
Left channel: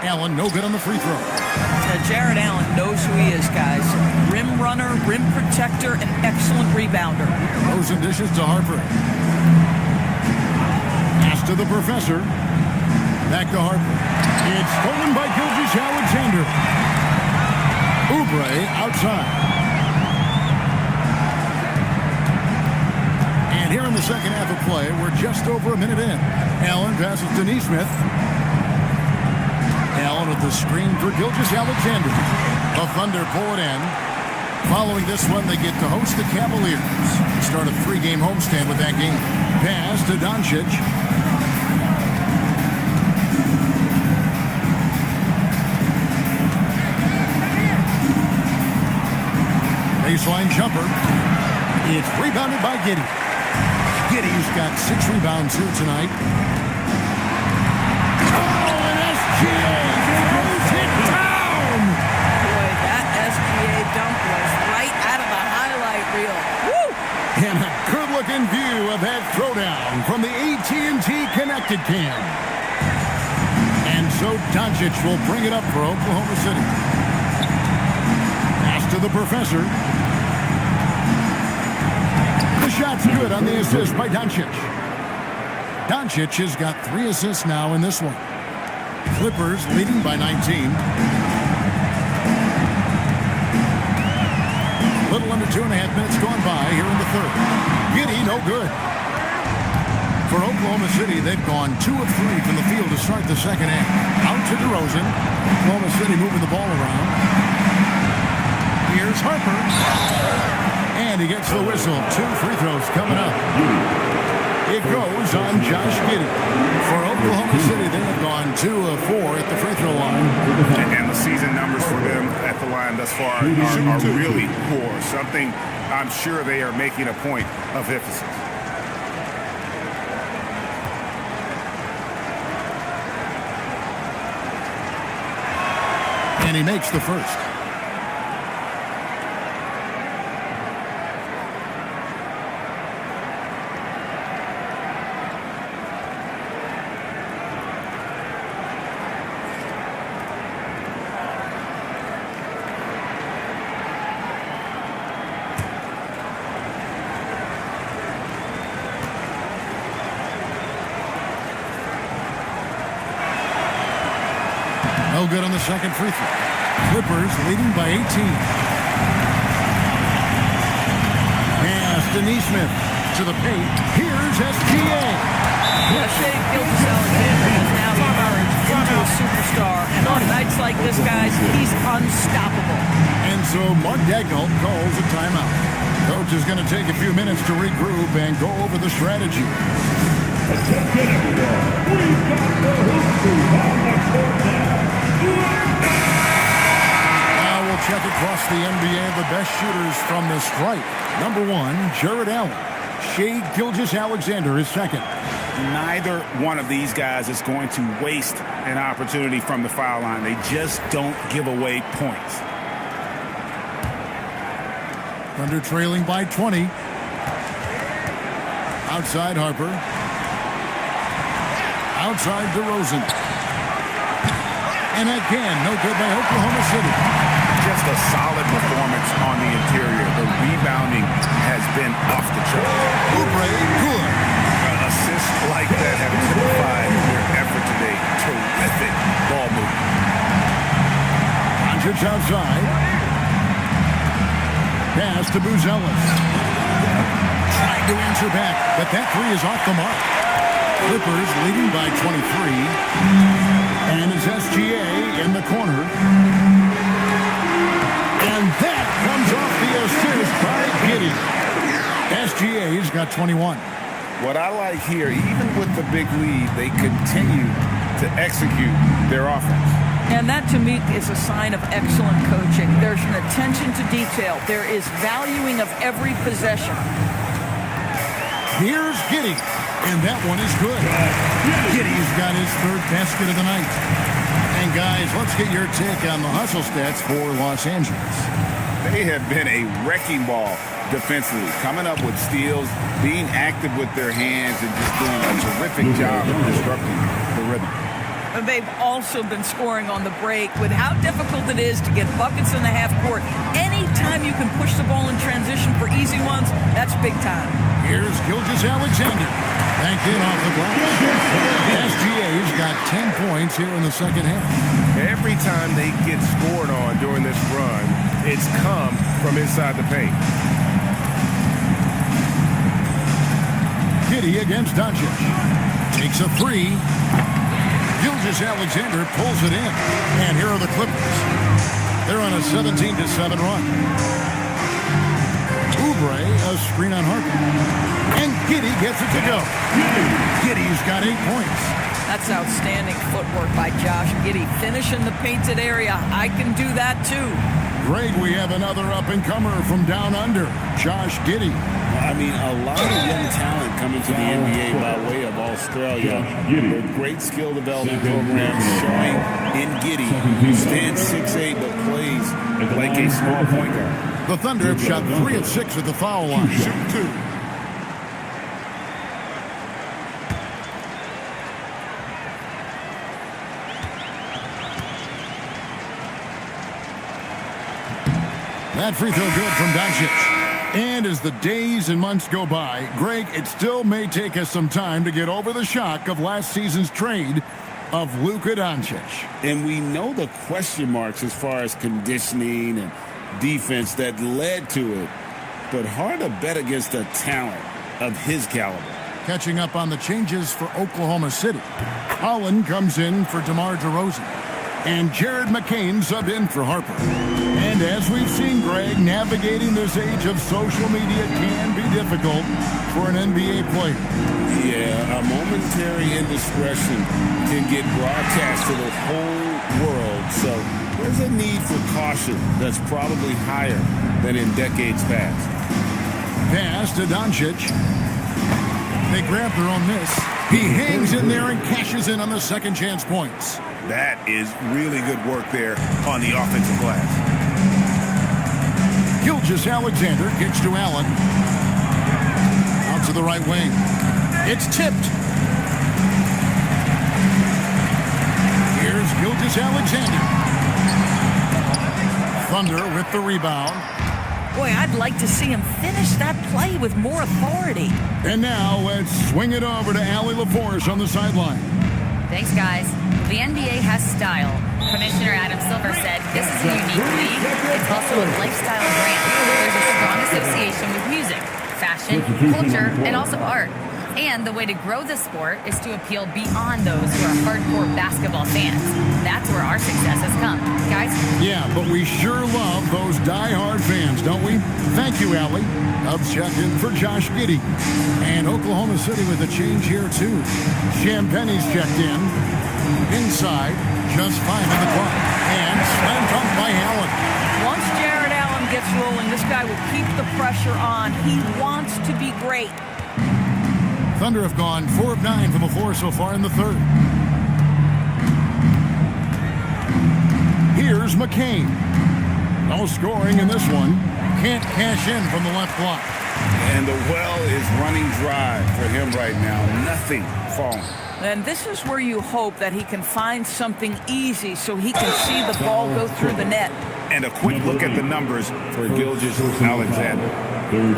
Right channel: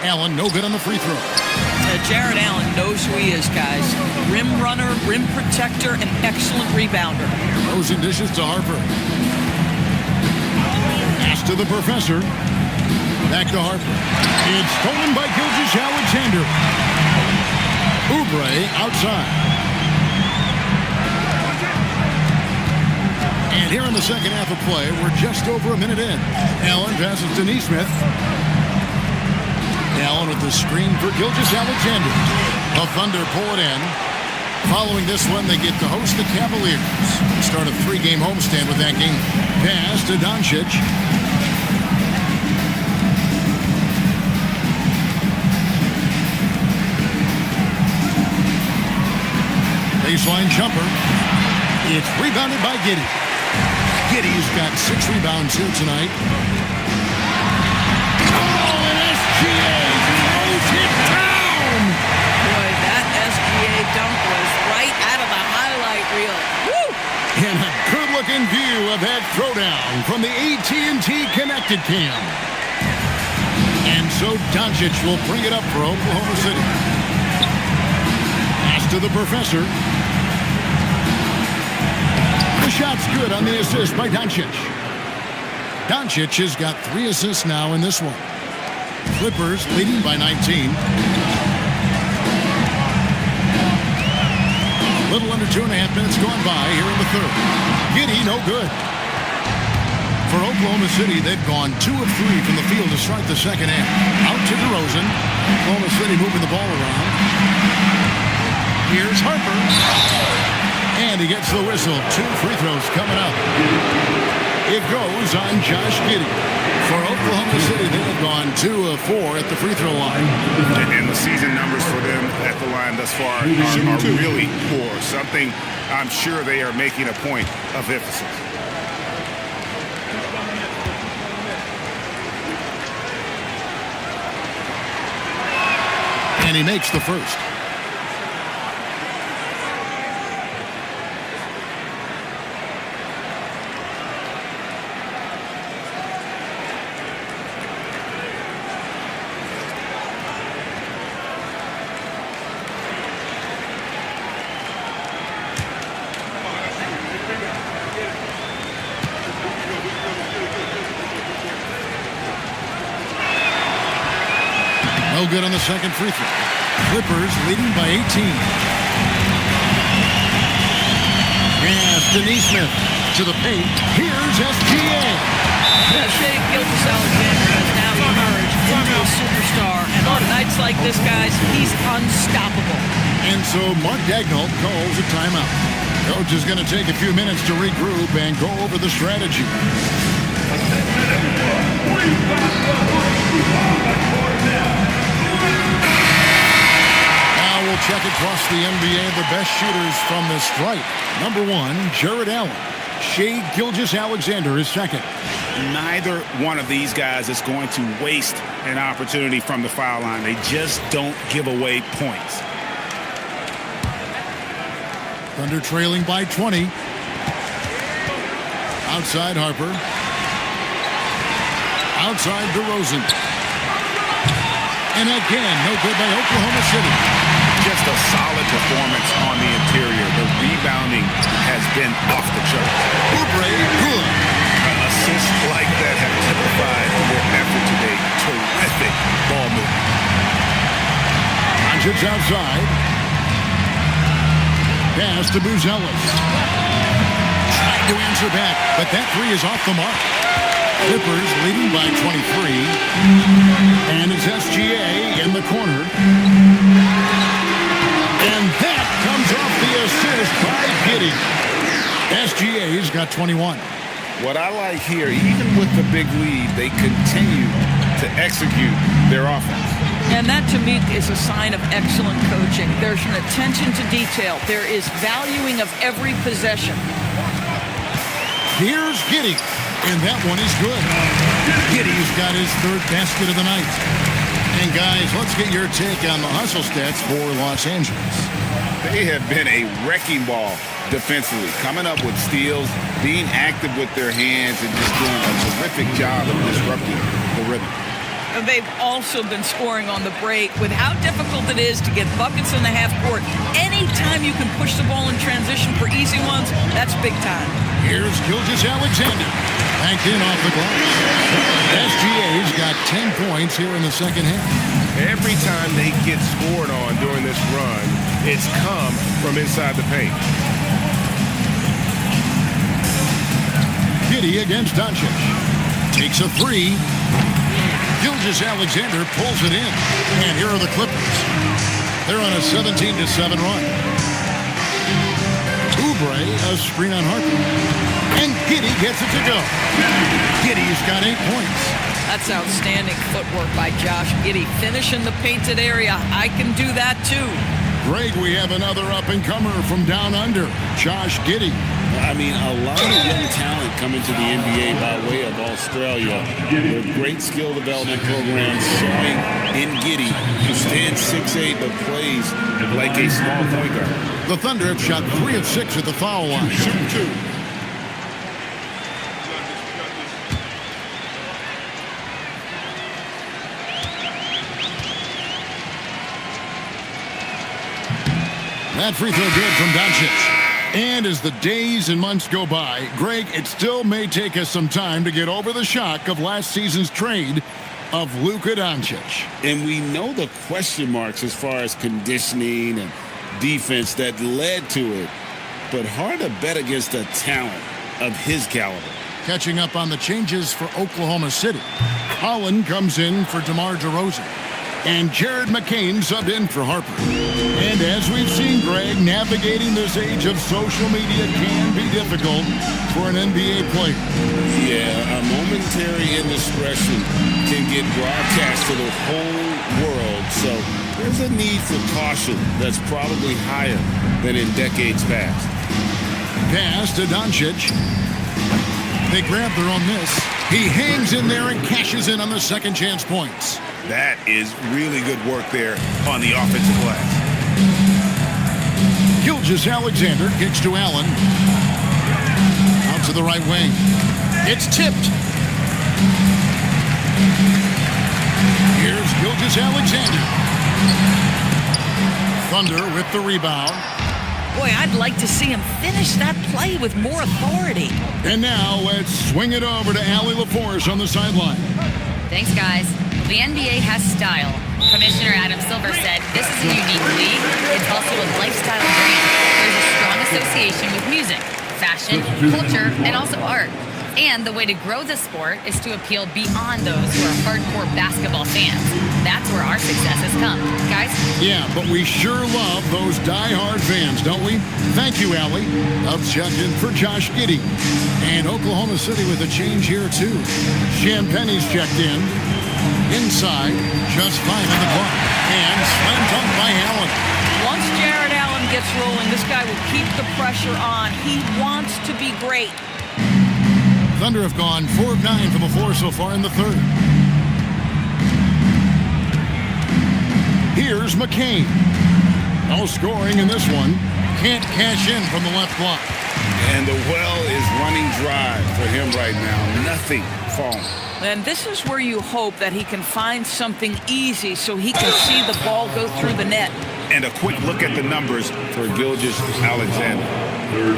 Allen, no good on the free throw. Jared Allen knows who he is, guys. Rim runner, rim protector, and excellent rebounder. Throws and dishes to Harper. Pass to the professor. Back to Harper. It's stolen by Gilgeous-Alexander. Oubre outside. And here in the second half of play, we're just over a minute in. Allen passes to Neesmith. Allen with the screen for Gilgeous-Alexander. The Thunder pull it in. Following this one, they get to host the Cavaliers. Start a three-game homestand with that game. Pass to Doncic. Baseline jumper. It's rebounded by Giddey. Giddey's got 6 rebounds here tonight. Oh, and SGA throws it down! Boy, that SGA dunk was right out of the highlight reel. Woo! And a good-looking view of that throwdown from the AT&T Connected Cam. And so Doncic will bring it up for Oklahoma City. Pass to the professor. The shot's good on the assist by Doncic. Doncic has got 3 assists now in this one. Clippers leading by 19. Little under 2.5 minutes gone by here in the third. Giddey, no good. For Oklahoma City, they've gone 2 of 3 from the field to start the second half. Out to DeRozan. Oklahoma City moving the ball around. Here's Harper. And he gets the whistle. 2 free throws coming up. It goes on Josh Giddey. For Oklahoma City, they have gone 2 of 4 at the free throw line. And the season numbers for them at the line thus far are really poor. Something I'm sure they are making a point of emphasis. And he makes the first. No good on the second free throw. Clippers leading by 18. Pass to Neesmith to the paint. Here's SGA. Shea Gilgeous-Alexander has now emerged into a superstar, and on nights like this, guys, he's unstoppable. And so Mark Daigneault calls a timeout. Coach is going to take a few minutes to regroup and go over the strategy. Attention everyone, we've got the hoop Now we'll check across the NBA the best shooters from the stripe. Number 1, Jared Allen. Shea Gilgeous-Alexander is second. Neither one of these guys is going to waste an opportunity from the foul line. They just don't give away points. Thunder trailing by 20. Outside Harper. Outside DeRozan. And again, no good by Oklahoma City. Just a solid performance on the interior. The rebounding has been off the charts. Oubre, good. Assists like that have typified their effort today. Terrific ball movement. Doncic outside. Pass to Buzelis. Tried to answer back, but that three is off the mark. Clippers leading by 23. And it's SGA in the corner. And that comes off the assist by Giddey. SGA's got 21. What I like here, even with the big lead, they continue to execute their offense. And that, to me, is a sign of excellent coaching. There's an attention to detail. There is valuing of every possession. Here's Giddey. And that one is good. Giddey's got his third basket of the night. And guys, let's get your take on the hustle stats for Los Angeles. They have been a wrecking ball defensively, coming up with steals, being active with their hands, and just doing a terrific job of disrupting the rhythm. And they've also been scoring on the break. With how difficult it is to get buckets in the half court, anytime you can push the ball in transition for easy ones, that's big time. Here's Gilgeous-Alexander. Banked in off the glass. SGA's got 10 points here in the second half. Every time they get scored on during this run, it's come from inside the paint. Giddey against Doncic. Takes a three. Gilgeous-Alexander pulls it in. And here are the Clippers. They're on a 17-7 run. Oubre, a screen on Harper. And Giddey gets it to go. Giddey's got 8 points. That's outstanding footwork by Josh Giddey. Finish in the painted area. I can do that too. Greg, we have another up-and-comer from down under, Josh Giddey. I mean, a lot of young talent coming to the NBA by way of Australia. They're great skill development programs showing in Giddey, who stands 6'8", but plays like a small point guard. The Thunder have shot 3 of 6 at the foul line. Shoot 2. That free throw good from Doncic. And as the days and months go by, Greg, it still may take us some time to get over the shock of last season's trade of Luka Doncic. And we know the question marks as far as conditioning and defense that led to it. But hard to bet against a talent of his caliber. Catching up on the changes for Oklahoma City. Holland comes in for DeMar DeRozan. And Jared McCain subbed in for Harper. And as we've seen, Greg, navigating this age of social media can be difficult for an NBA player. Yeah, a momentary indiscretion can get broadcast to the whole world. So there's a need for caution that's probably higher than in decades past. Pass to Doncic. They grab their own miss. He hangs in there and cashes in on the second chance points. That is really good work there on the offensive glass. Gilgeous-Alexander kicks to Allen. Out to the right wing. It's tipped. Here's Gilgeous-Alexander. Thunder with the rebound. Boy, I'd like to see him finish that play with more authority. And now let's swing it over to Allie LaForce on the sideline. Thanks, guys. The NBA has style. Commissioner Adam Silver said this is a unique league. It's also a lifestyle brand. There's a strong association with music, fashion, culture, and also art. And the way to grow the sport is to appeal beyond those who are hardcore basketball fans. That's where our success has come. Guys? Yeah, but we sure love those die-hard fans, don't we? Thank you, Allie. Dubs check in for Josh Giddey. And Oklahoma City with a change here, too. Champagne's checked in. Inside, just 5 on the clock. And slam dunk by Allen. Once Jared Allen gets rolling, this guy will keep the pressure on. He wants to be great. Thunder have gone 4 of 9 from the floor so far in the third. Here's McCain. No scoring in this one. Can't cash in from the left block. And the well is running dry for him right now. Nothing falling. And this is where you hope that he can find something easy so he can see the ball go through the net. And a quick look at the numbers for Gilgeous-Alexander.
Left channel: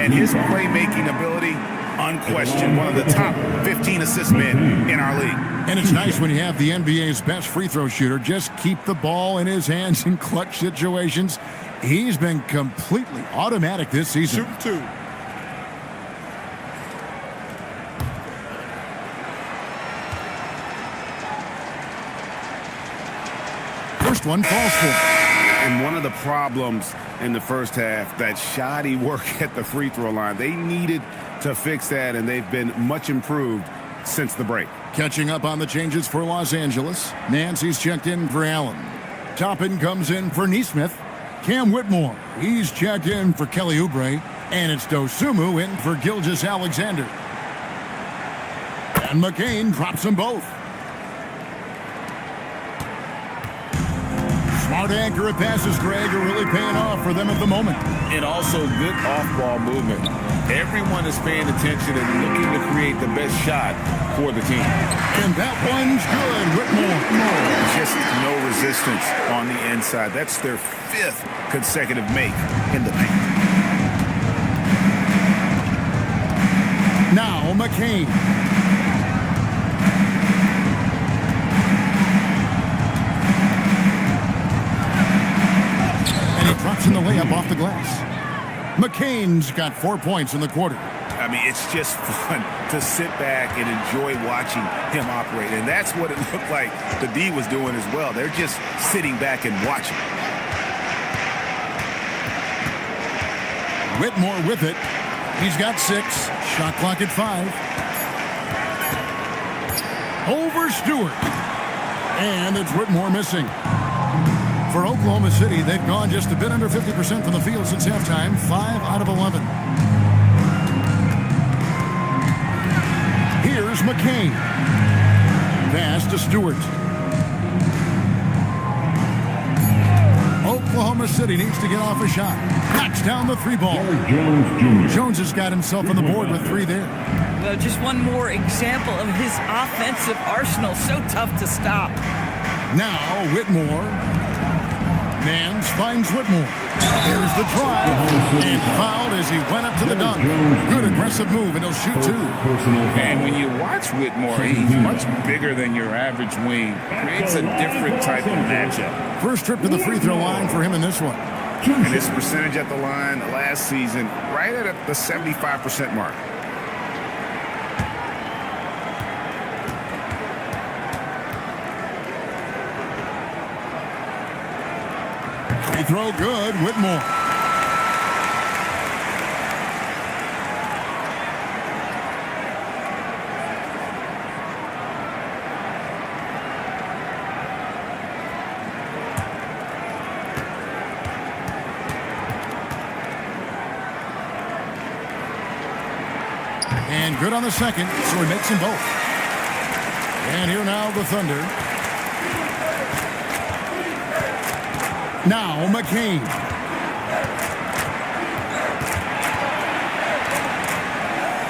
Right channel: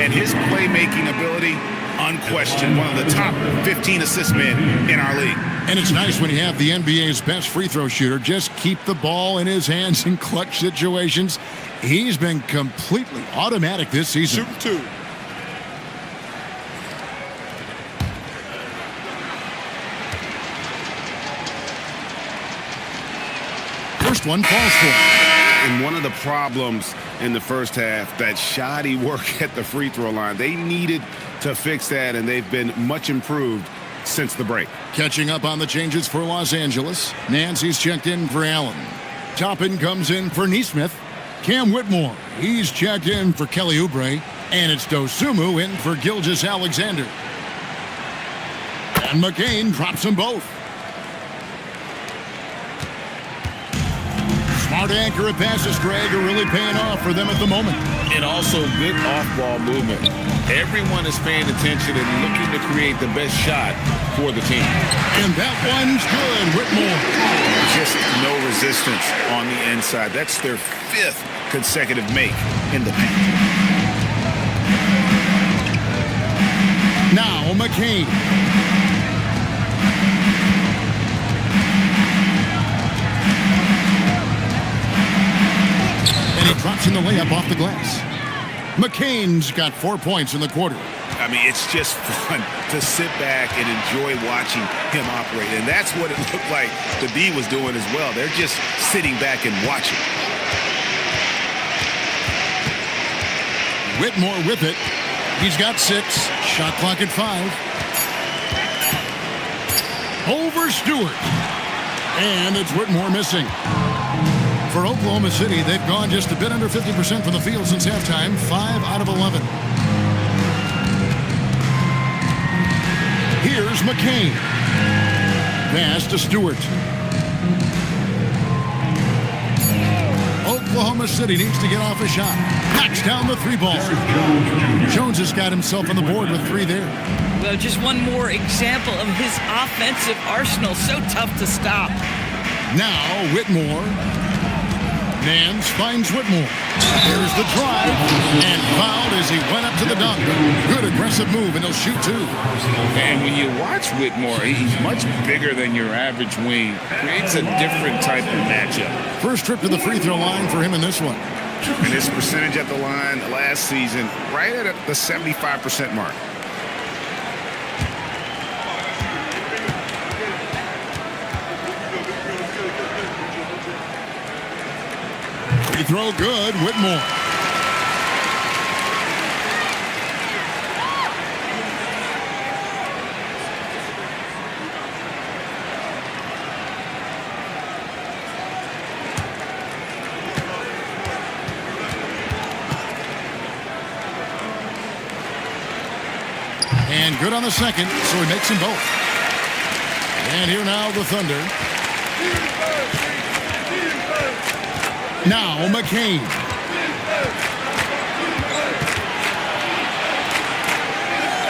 And his playmaking ability, unquestioned, one of the top 15 assist men in our league. And it's nice when you have the NBA's best free throw shooter just keep the ball in his hands in clutch situations. He's been completely automatic this season. Shooting two. First one falls for him. And one of the problems in the first half, that shoddy work at the free throw line. They needed to fix that, and they've been much improved since the break. Catching up on the changes for Los Angeles. Nancy's checked in for Allen. Toppin comes in for Neesmith. Cam Whitmore, he's checked in for Kelly Oubre. And it's Dosumu in for Gilgeous-Alexander. And McCain drops them both. Smart accurate passes, Greg, are really paying off for them at the moment. And also good off-ball movement. Everyone is paying attention and looking to create the best shot for the team. And that one's good, Whitmore. Just no resistance on the inside. That's their 5th consecutive make in the paint. Now McCain. And he drops in the layup off the glass. McCain's got 4 points in the quarter. I mean, it's just fun to sit back and enjoy watching him operate. And that's what it looked like the D was doing as well. They're just sitting back and watching. Whitmore with it. He's got 6. Shot clock at 5. Over Stewart. And it's Whitmore missing. For Oklahoma City, they've gone just a bit under 50% from the field since halftime. 5 out of 11. Here's McCain. Pass to Stewart. Oklahoma City needs to get off a shot. Knocks down the 3-ball. Jones has got himself on the board with 3 there. Well, just one more example of his offensive arsenal. So tough to stop. Now Whitmore. Nance finds Whitmore. There's the drive. And fouled as he went up to the dunk. Good aggressive move, and he'll shoot 2. And when you watch Whitmore, he's much bigger than your average wing. Creates a different type of matchup. First trip to the free throw line for him in this one. And his percentage at the line last season, right at the 75% mark. Free throw good, Whitmore. And good on the second, so he makes them both. And here now the Thunder. Now McCain.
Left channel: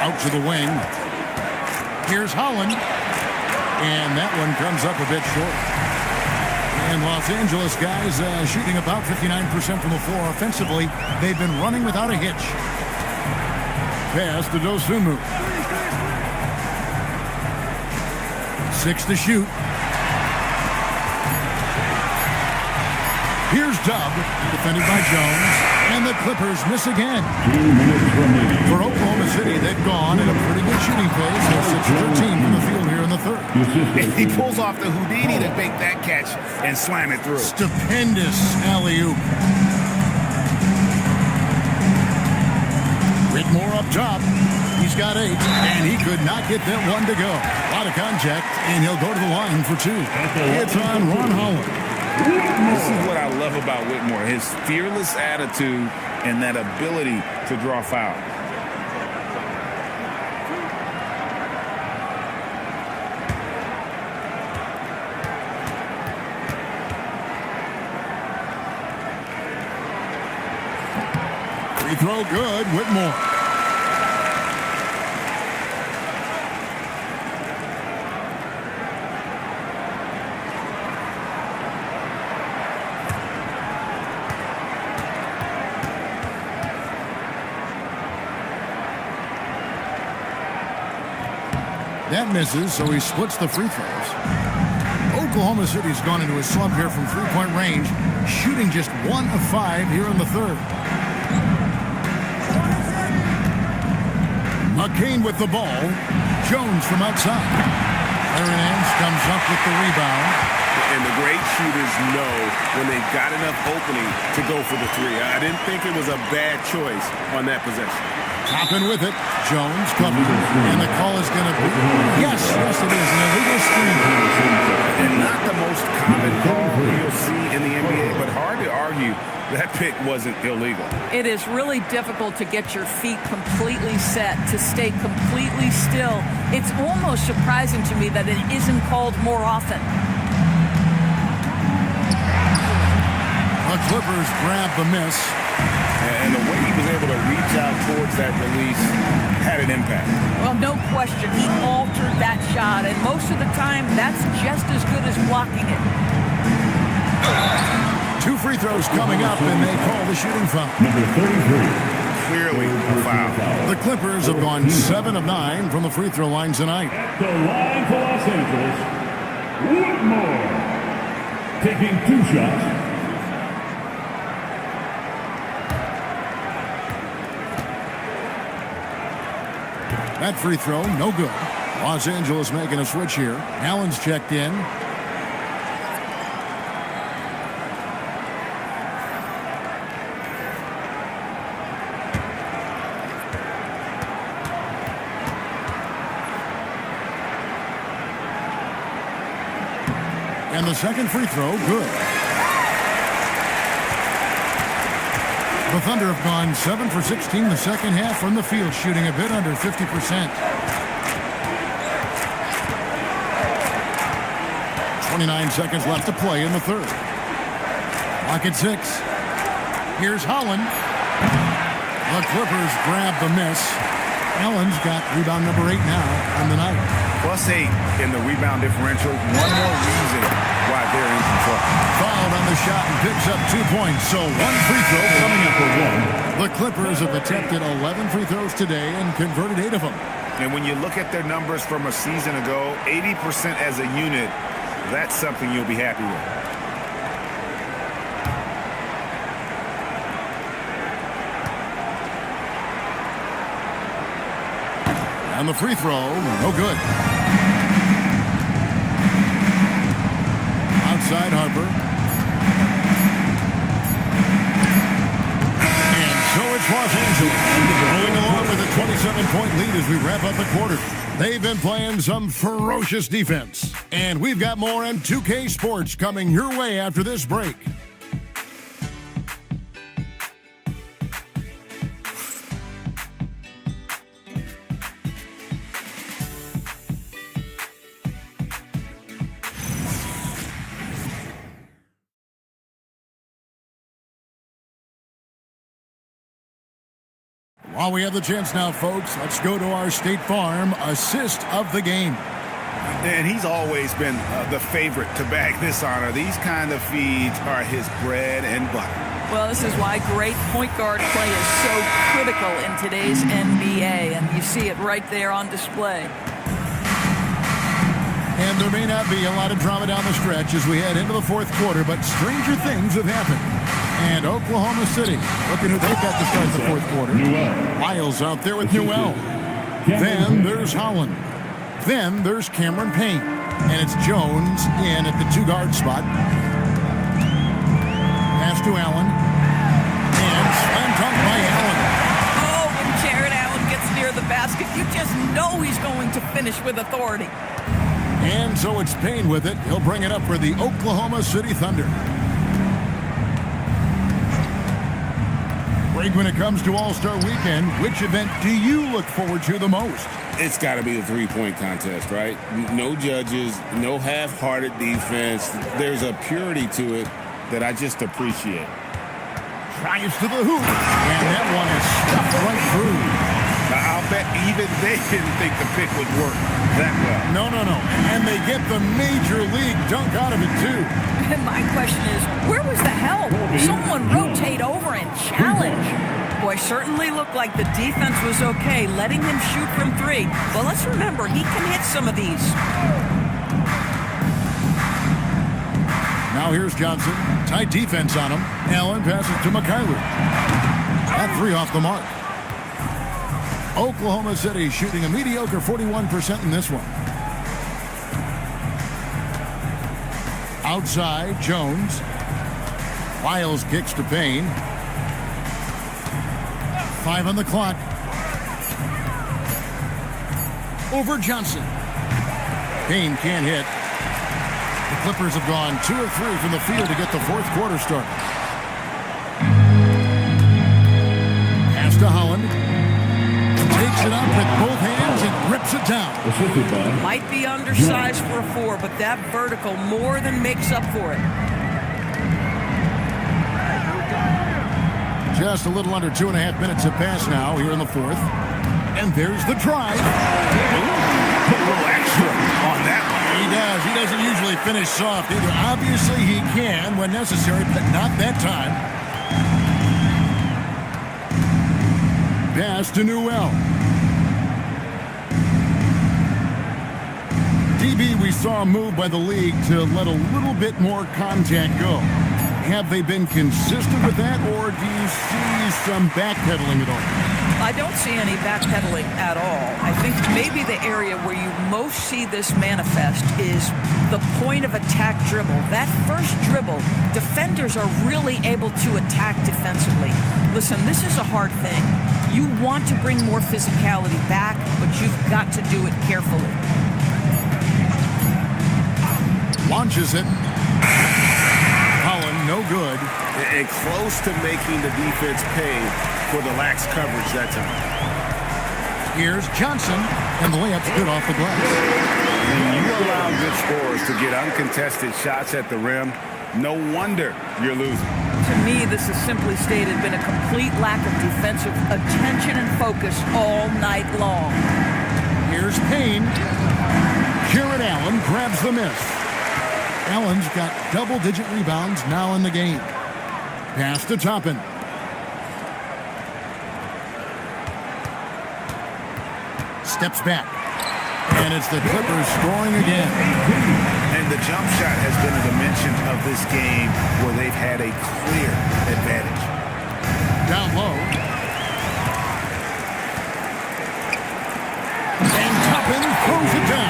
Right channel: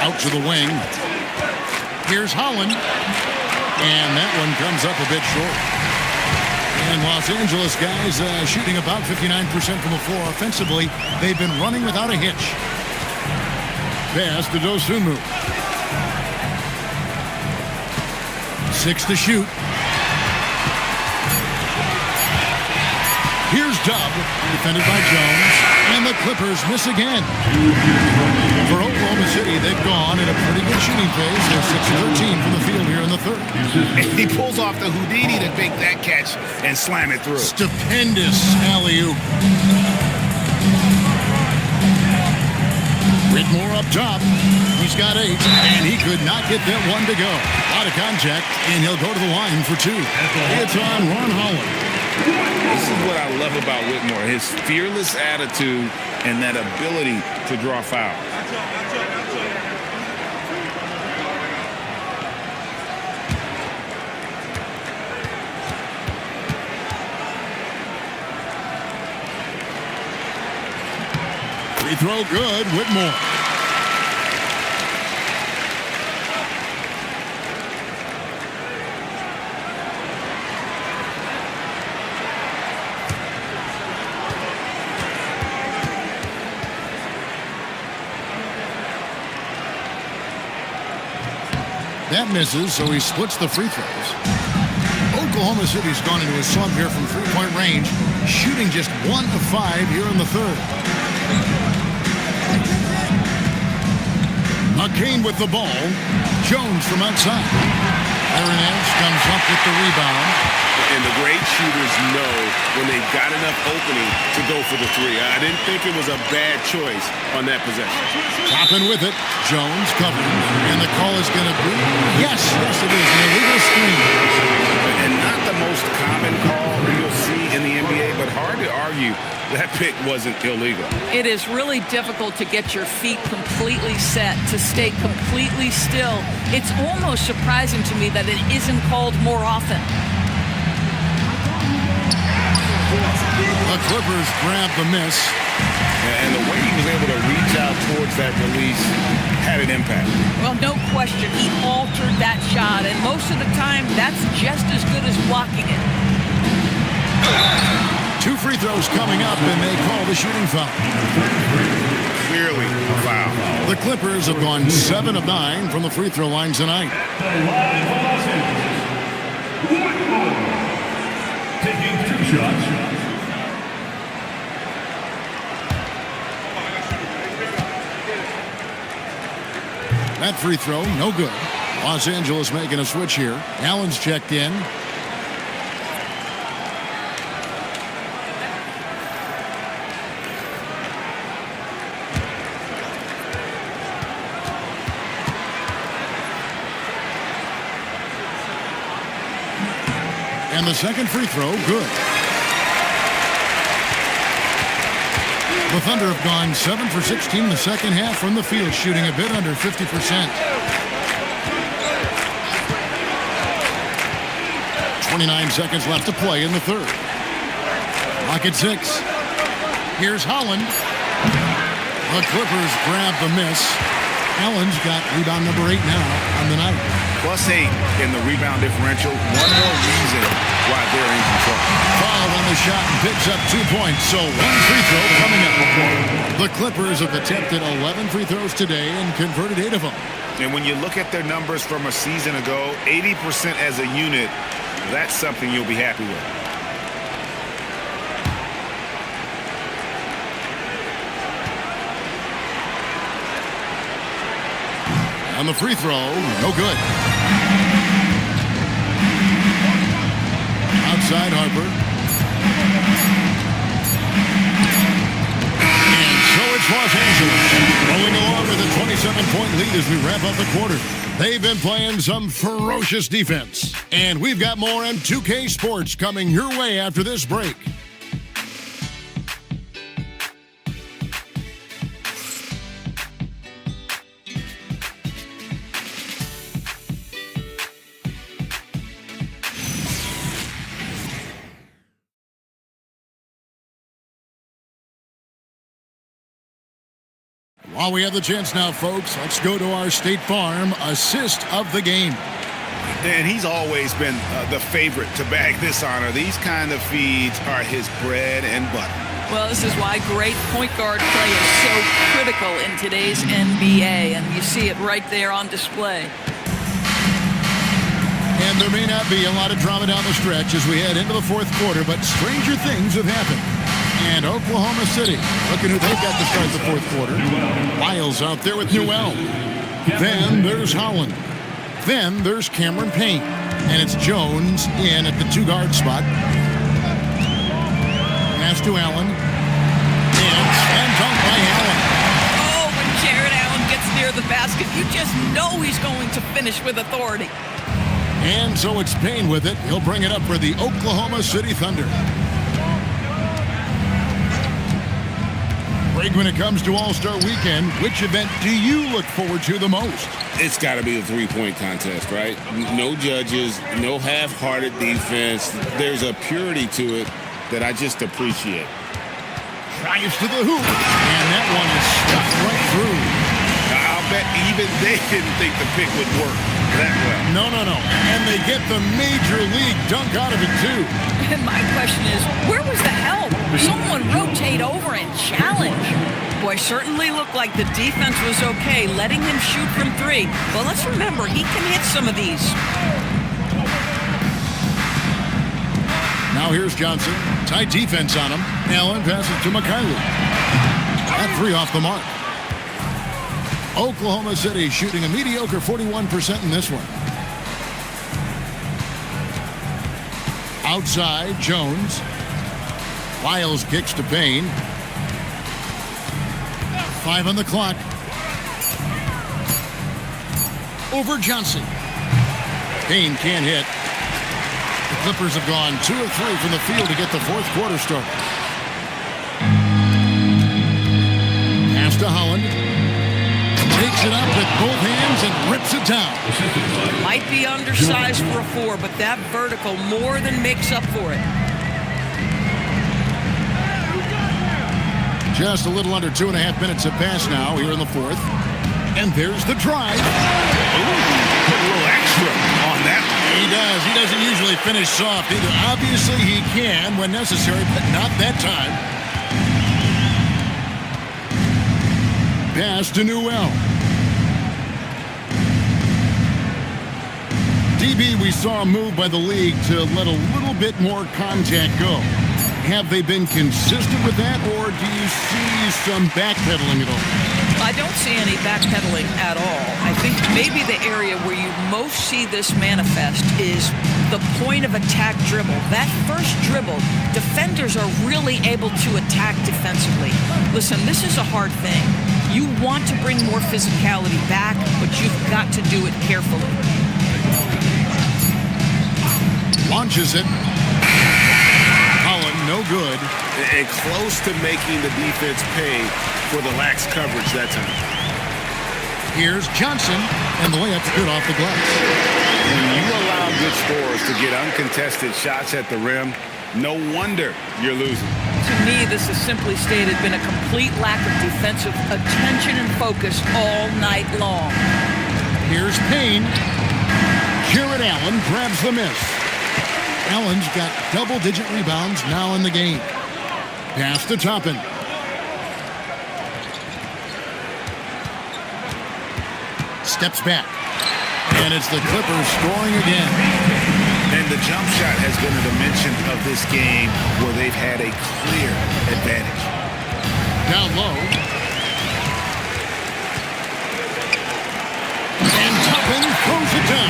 Out to the wing. Here's Holland. And that one comes up a bit short. And Los Angeles guys shooting about 59% from the floor offensively. They've been running without a hitch. Pass to Dosunmu. 6 to shoot. Here's Dub, defended by Jones, and the Clippers miss again. 2 minutes remaining. For Oklahoma City, they've gone in a pretty good shooting phase. They're 6-13 from the field here in the third. He pulls off the Houdini to make that catch and slam it through. Stupendous alley-oop. Whitmore up top. He's got 8, and he could not get that one to go. A lot of contact, and he'll go to the line for 2. It's on Ron Holland. This is what I love about Whitmore, his fearless attitude and that ability to draw foul. Free throw good, Whitmore. That misses, so he splits the free throws. Oklahoma City's gone into a slump here from three-point range, shooting just 1 of 5 here in the third. McCain with the ball. Jones from outside. Larry Nance comes up with the rebound. And the great shooters know when they've got enough opening to go for the three. I didn't think it was a bad choice on that possession. Topping with it. Jones covering. And the call is going to be, yes, it is, an illegal screen. And not the most common call you'll see in the NBA, but hard to argue that pick wasn't illegal. It is really difficult to get your feet completely set, to stay completely still. It's almost surprising to me that it isn't called more often. The Clippers grab the miss. And the way he was able to reach out towards that release had an impact. Well, no question. He altered that shot, and most of the time, that's just as good as blocking it. 2 free throws coming up, and they call the shooting foul. Clearly a foul. The Clippers have gone 7 of 9 from the free throw line tonight. At the line for Los Angeles, Whitmore. Taking 2 shots. That free throw, no good. Los Angeles making a switch here. Allen's checked in. And the second free throw, good. The Thunder have gone 7 for 16 the second half from the field, shooting a bit under 50%. 29 seconds left to play in the third. Clock at 6. Here's Holland. The Clippers grab the miss. Allen's got rebound number 8 now on the night. +8 in the rebound differential. One more reason why they're in control. Fouled on the shot and picks up 2 points, so 1 free throw coming up. The Clippers have attempted 11 free throws today and converted 8 of them. And when you look at their numbers from a season ago, 80% as a unit, that's something you'll be happy with. on the free throw. No good. Outside Harper. And so it's Los Angeles rolling along with a 27-point lead as we wrap up the quarter. They've been playing some ferocious defense. And we've got more on 2K Sports coming your way after this break. While we have the chance now, folks, let's go to our State Farm assist of the game. And he's always been the favorite to bag this honor. These kind of feeds are his bread and butter. Well, this is why great point guard play is so critical in today's NBA, and you see it right there on display. And there may not be a lot of drama down the stretch as we head into the fourth quarter, but stranger things have happened. And Oklahoma City, looking who they've got to start the fourth quarter. Lyles out there with Newell. Then there's Holland. Then there's Cameron Payne. And it's Jones in at the two-guard spot. Pass to Allen. And slam dunk by Allen. Oh, when Jared Allen gets near the basket, you just know he's going to finish with authority. And so it's Payne with it. He'll bring it up for the Oklahoma City Thunder. Greg, when it comes to All-Star Weekend, which event do you look forward to the most? It's got to be the three-point contest, right? No judges, no half-hearted defense. There's a purity to it that I just appreciate. Drives to the hoop, and that one is stuffed right through. I'll bet even they didn't think the pick would work that well. No. And they get the major league dunk out of it, too. And my question is, where was the help? Someone rotate over and challenge. Boy, certainly looked like the defense was okay, letting him shoot from three. But let's remember, he can hit some of these. Now here's Johnson. Tight defense on him. Allen passes to Mikhailuk. That three off the mark. Oklahoma City shooting a mediocre 41% in this one. Outside, Jones. Lyles kicks to Payne. 5 on the clock. Over Johnson. Payne can't hit. The Clippers have gone 2 of 3 from the field to get the fourth quarter started. Pass to Holland. Takes it up with both hands and rips it down. Might be undersized for a 4, but that vertical more than makes up for it. Just a little under 2.5 minutes have passed now here in the fourth. And there's the drive. Ooh, put a little extra on that one. He does. He doesn't usually finish soft either. Obviously he can when necessary, but not that time. Pass to Newell. DB, we saw a move by the league to let a little bit more contact go. Have they been consistent with that, or do you see some backpedaling at all? I don't see any backpedaling at all. I think maybe the area where you most see this manifest is the point of attack dribble. That first dribble, defenders are really able to attack defensively. Listen, this is a hard thing. You want to bring more physicality back, but you've got to do it carefully. Launches it. Holland, no good. And close to making the defense pay for the lax coverage that time. Here's Johnson, and the layup's good off the glass. When you allow good scorers to get uncontested shots at the rim, no wonder you're losing. To me, this has simply stated been a complete lack of defensive attention and focus all night long. Here's Payne. Jared Allen grabs the miss. Allen's got double-digit rebounds now in the game. Pass to Toppin. Steps back. And it's the Clippers scoring again. And the jump shot has been a dimension of this game where they've had a clear advantage. Down low. Chapin throws it down.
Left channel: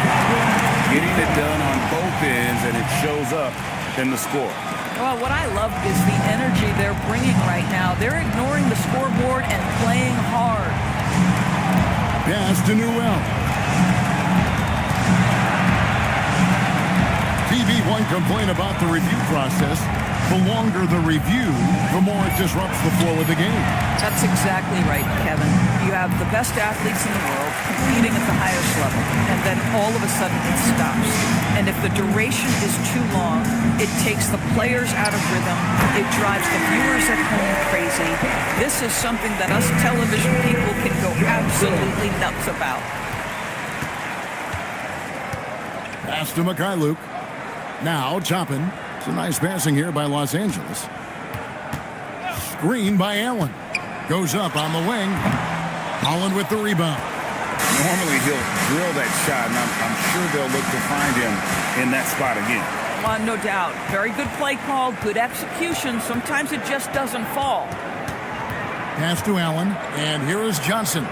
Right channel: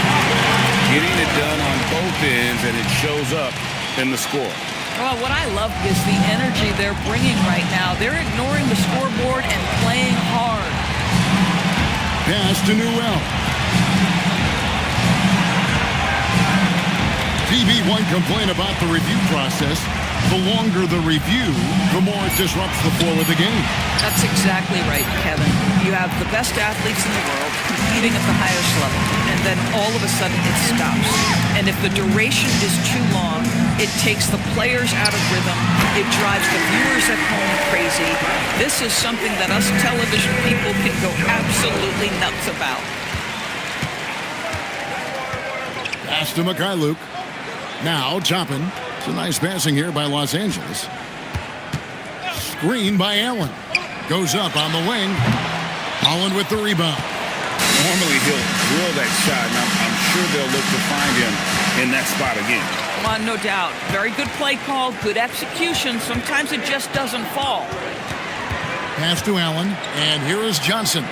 Getting it done on both ends, and it shows up in the score. Well, what I love is the energy they're bringing right now. They're ignoring the scoreboard and playing hard. Pass to Newell. TV one complaint about the review process. The longer the review, the more it disrupts the flow of the game. That's exactly right, Kevin. You have the best athletes in the world competing at the highest level, and then all of a sudden it stops. And if the duration is too long, it takes the players out of rhythm. It drives the viewers at home crazy. This is something that us television people can go absolutely nuts about. Pass to Mikhailuk. Now Chapin. It's a nice passing here by Los Angeles. Screen by Allen. Goes up on the wing. Holland with the rebound. Normally he'll drill that shot, and I'm sure they'll look to find him in that spot again. No doubt. Very good play call, good execution. Sometimes it just doesn't fall. Pass to Allen, and here is Johnson.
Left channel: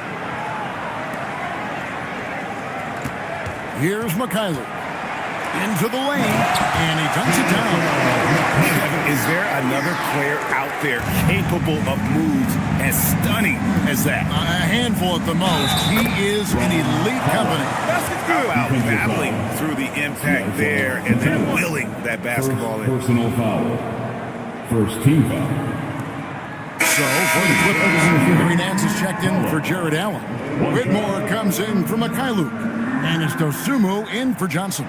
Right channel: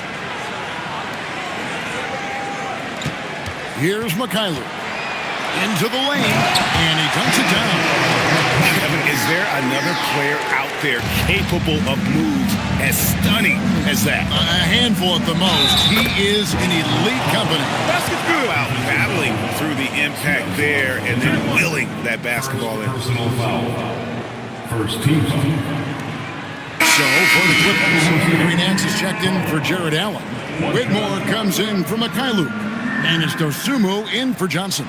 Here's Mikhailuk. Into the lane, and he dunks it down. Kevin, is there another player out there capable of moves as stunning as that? A handful at the most. He is in elite company. How about battling through the impact there and then willing that basketball in? Personal foul. First team foul. So for the Clippers, Green Nance is checked in for Jared Allen. Whitmore comes in for Mikhailuk, and it's Dosumu in for Johnson.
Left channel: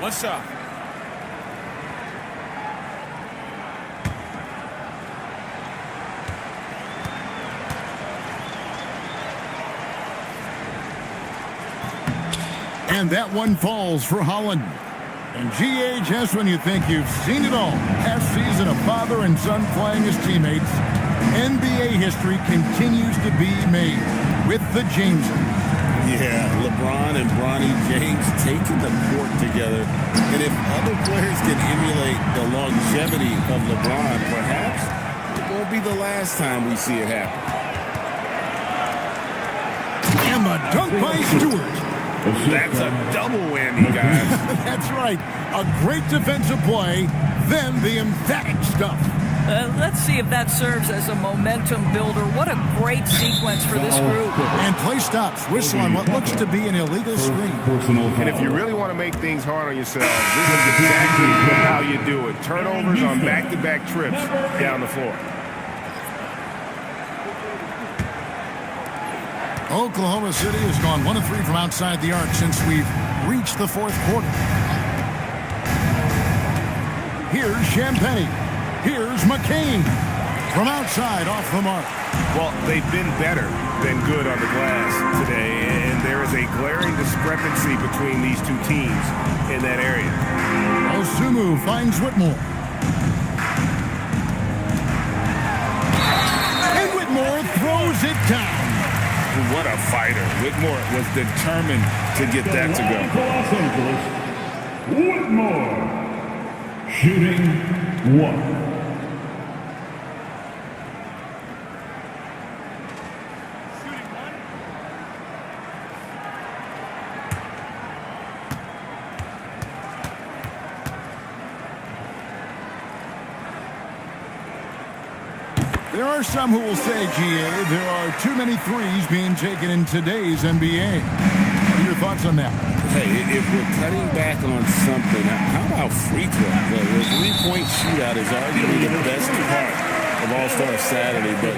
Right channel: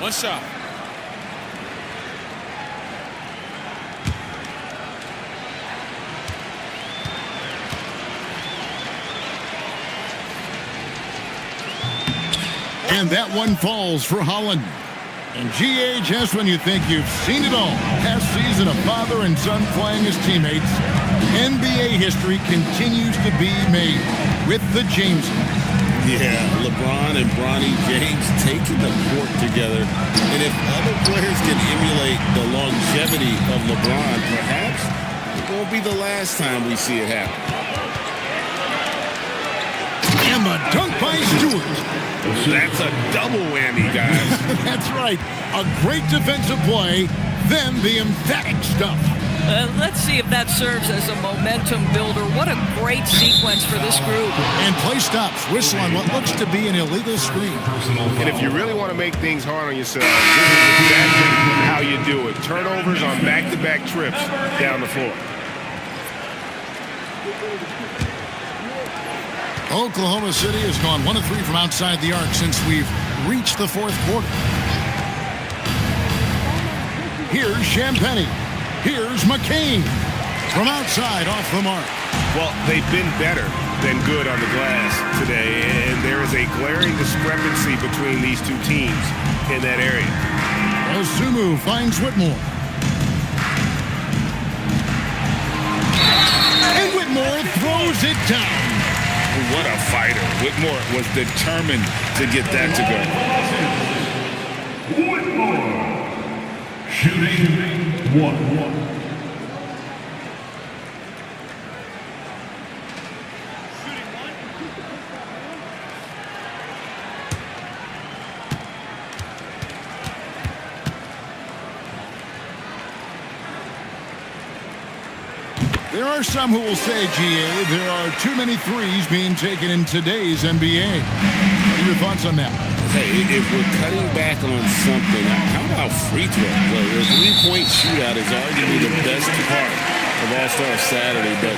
One shot. And that one falls for Holland. And GA, just when you think you've seen it all, past season of father and son playing as teammates, NBA history continues to be made with the Jameses. Yeah, LeBron and Bronny James taking the court together. And if other players can emulate the longevity of LeBron, perhaps it won't be the last time we see it happen. And the dunk by Stewart. That's a double whammy, guys. That's right. A great defensive play, then the emphatic stuff. Let's see if that serves as a momentum builder. What a great sequence for this group. And play stops. Whistle on what looks to be an illegal screen. And if you really want to make things hard on yourself, this is exactly how you do it. Turnovers on back-to-back trips down the floor. Oklahoma City has gone 1 of 3 from outside the arc since we've reached the fourth quarter. Here's Champagnie. Here's McCain. From outside, off the mark. Well, they've been better than good on the glass today, and there is a glaring discrepancy between these two teams in that area. Dosumu finds Whitmore. And Whitmore throws it down. What a fighter. Whitmore was determined to get that to go. Whitmore. Shooting 1. There are some who will say, GA, there are too many threes being taken in today's NBA. What are your thoughts on that? Hey, if we're cutting back on something, how about free throw? The three-point shootout is arguably the best part of All-Star Saturday, but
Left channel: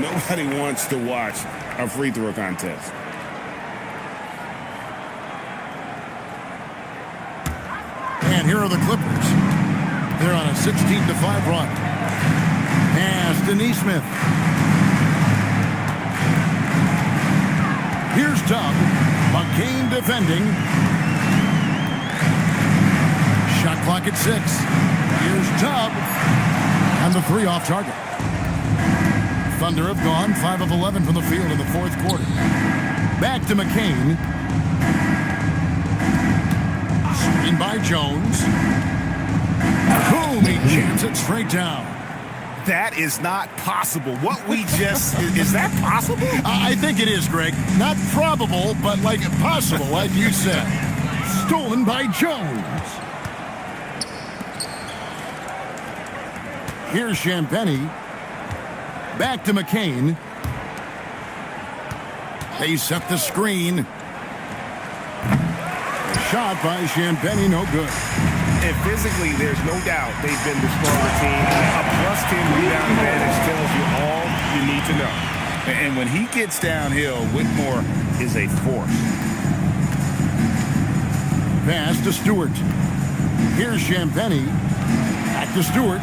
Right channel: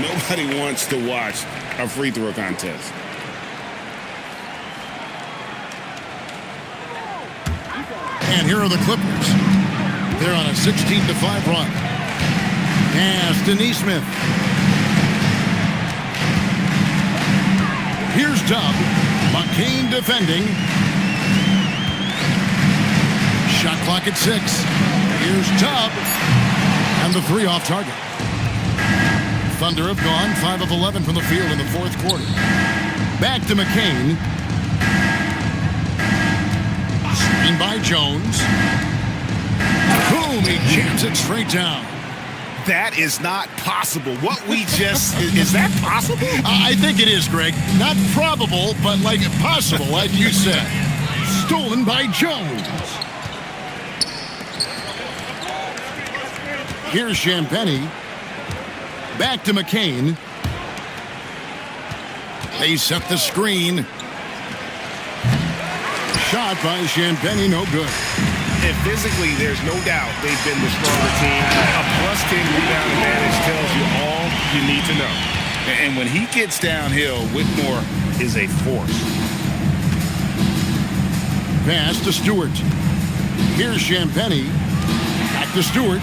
nobody wants to watch a free throw contest. And here are the Clippers. They're on a 16-5 run. Pass to Nesmith. Here's Dub. McCain defending. Shot clock at 6. Here's Dub. And the 3 off target. Thunder have gone 5 of 11 from the field in the fourth quarter. Back to McCain. Screen by Jones. Boom, he jams it straight down. That is not possible. What we just, is that possible? I think it is, Greg. Not probable, but like possible, like you said. Stolen by Jones. Here's Champagny. Back to McCain. They set the screen. Shot by Champagny, no good. And physically, there's no doubt they've been the stronger team. A +10 rebound advantage tells you all you need to know. And when he gets downhill, Whitmore is a force. Pass to Stewart. Here's Champagny. Back to Stewart.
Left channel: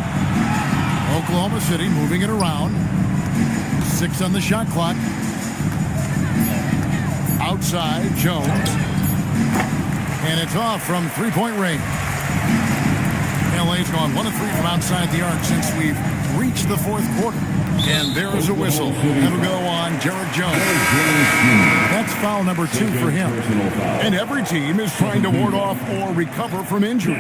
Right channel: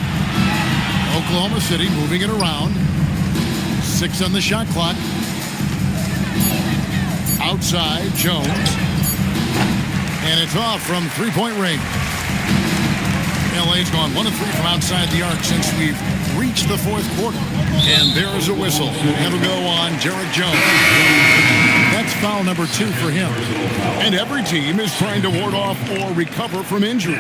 Oklahoma City moving it around. 6 on the shot clock. Outside, Jones. And it's off from three-point range. LA's gone 1 of 3 from outside the arc since we've reached the fourth quarter. And there is a whistle. That'll go on Jarrett Jones. That's foul number 2 for him. And every team is trying to ward off or recover from injuries.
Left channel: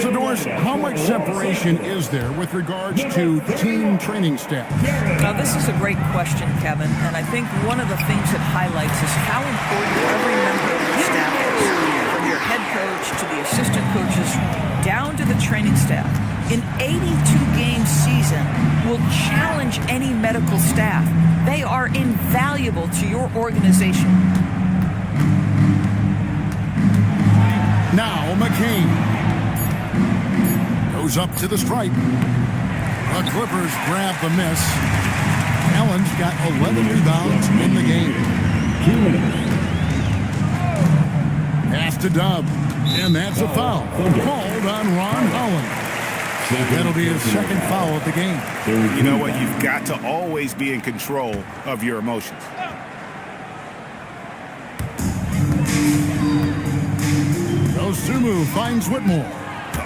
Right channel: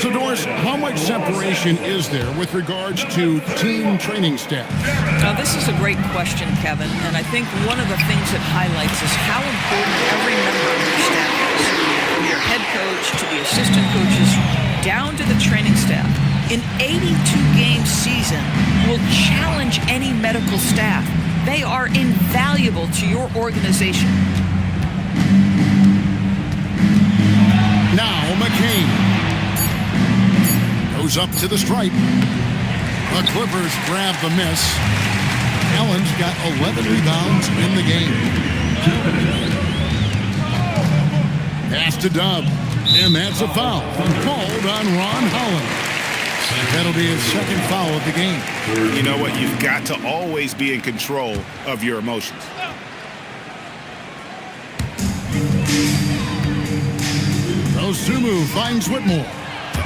So, Doris, how much separation is there with regards to team training staff? Now, this is a great question, Kevin. And I think one of the things it highlights is how important every member of your staff is. From your head coach to the assistant coaches, down to the training staff. An 82-game season will challenge any medical staff. They are invaluable to your organization. Now McCain goes up to the stripe. The Clippers grab the miss. Allen's got 11 rebounds in the game. Pass to Dub. And that's a foul called on Ron Holland. That'll be his second foul of the game. You know what? You've got to always be in control of your emotions. Dosunmu finds Whitmore.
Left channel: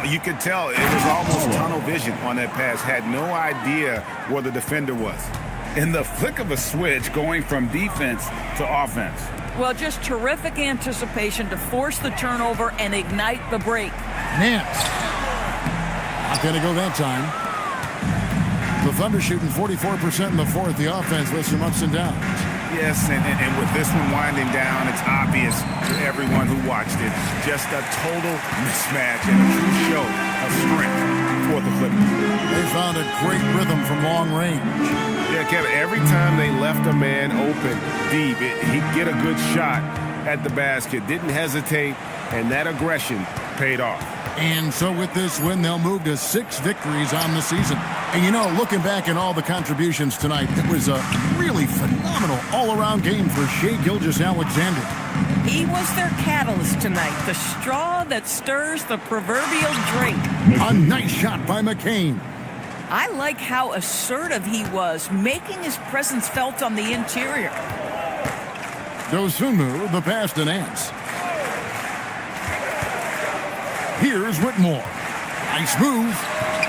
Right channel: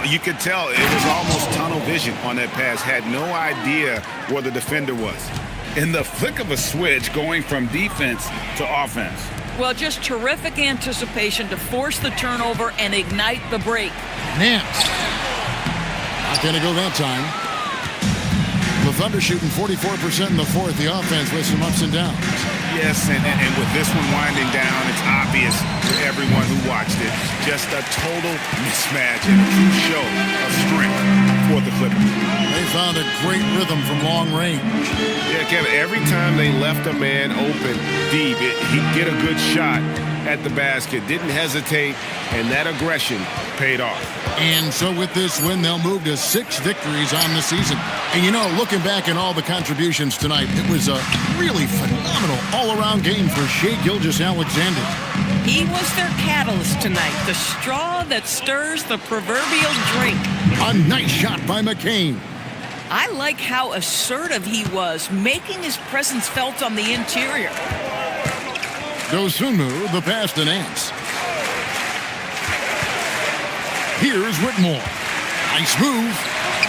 You could tell it was almost tunnel vision on that pass. Had no idea where the defender was. In the flick of a switch, going from defense to offense. Well, just terrific anticipation to force the turnover and ignite the break. Nance. Not going to go that time. The Thunder shooting 44% in the fourth. The offense with some ups and downs. Yes, and with this one winding down, it's obvious to everyone who watched it. Just a total mismatch and a true show of strength for the Clippers. They found a great rhythm from long range. Yeah, Kevin, every time they left a man open deep, he'd get a good shot at the basket. Didn't hesitate, and that aggression paid off. And so with this win, they'll move to 6 victories on the season. And, you know, looking back at all the contributions tonight, it was a really phenomenal all-around game for Shai Gilgeous-Alexander. He was their catalyst tonight, the straw that stirs the proverbial drink. A nice shot by McCain. I like how assertive he was, making his presence felt on the interior. Dosunmu, the pass to Nance. Here's Whitmore. Nice move.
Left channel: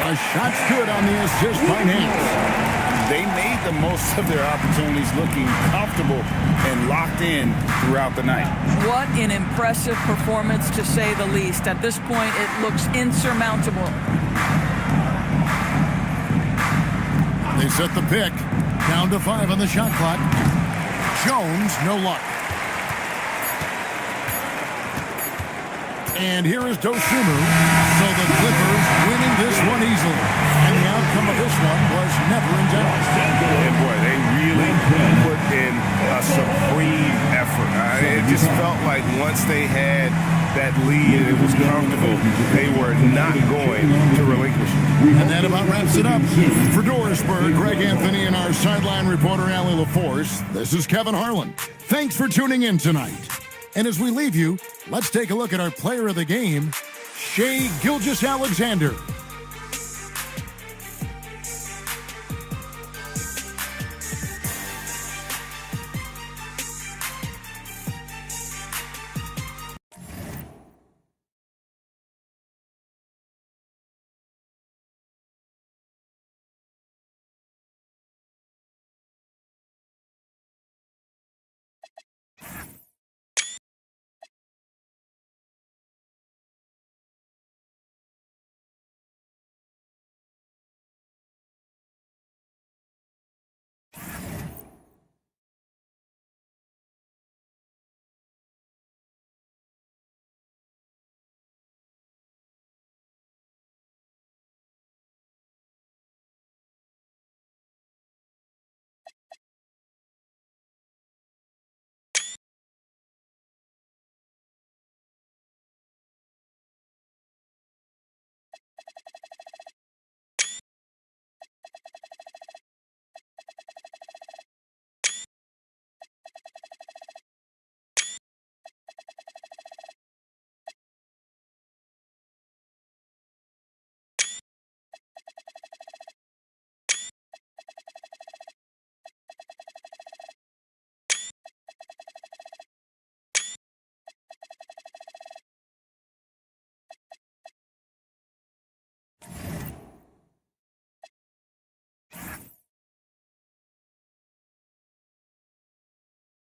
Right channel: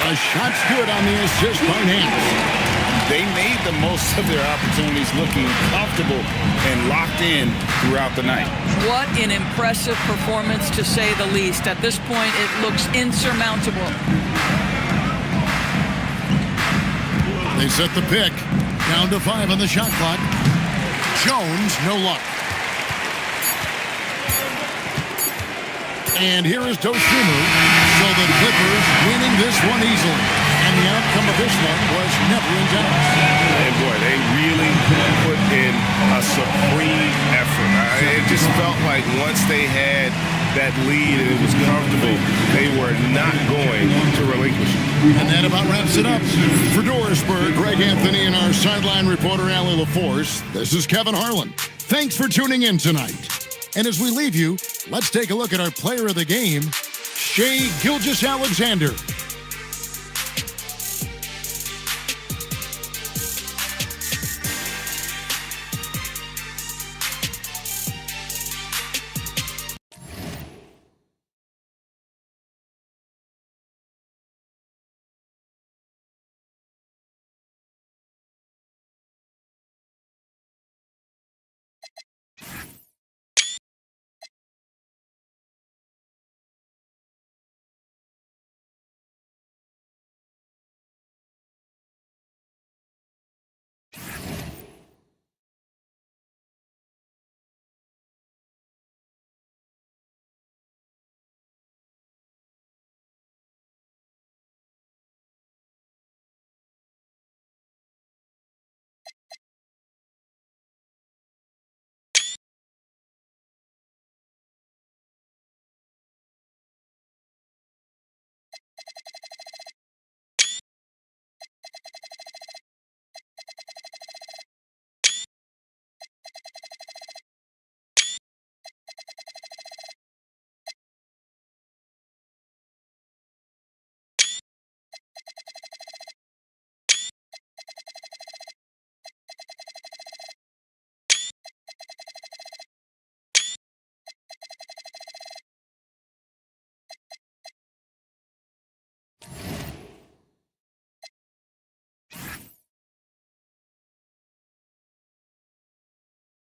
A shot's good on the assist by Nance. They made the most of their opportunities, looking comfortable and locked in throughout the night. What an impressive performance, to say the least. At this point, it looks insurmountable. They set the pick. Down to 5 on the shot clock. Jones, no luck. And here is Dosunmu. So the Clippers winning this one easily. And the outcome of this one was never in doubt. And boy, they really put in a supreme effort. It just felt like once they had that lead and it was comfortable, they were not going to relinquish it. And that about wraps it up. For Dorisburg, Greg Anthony, and our sideline reporter, Allie LaForce, this is Kevin Harlan. Thanks for tuning in tonight. And as we leave you, let's take a look at our player of the game, Shai Gilgeous-Alexander.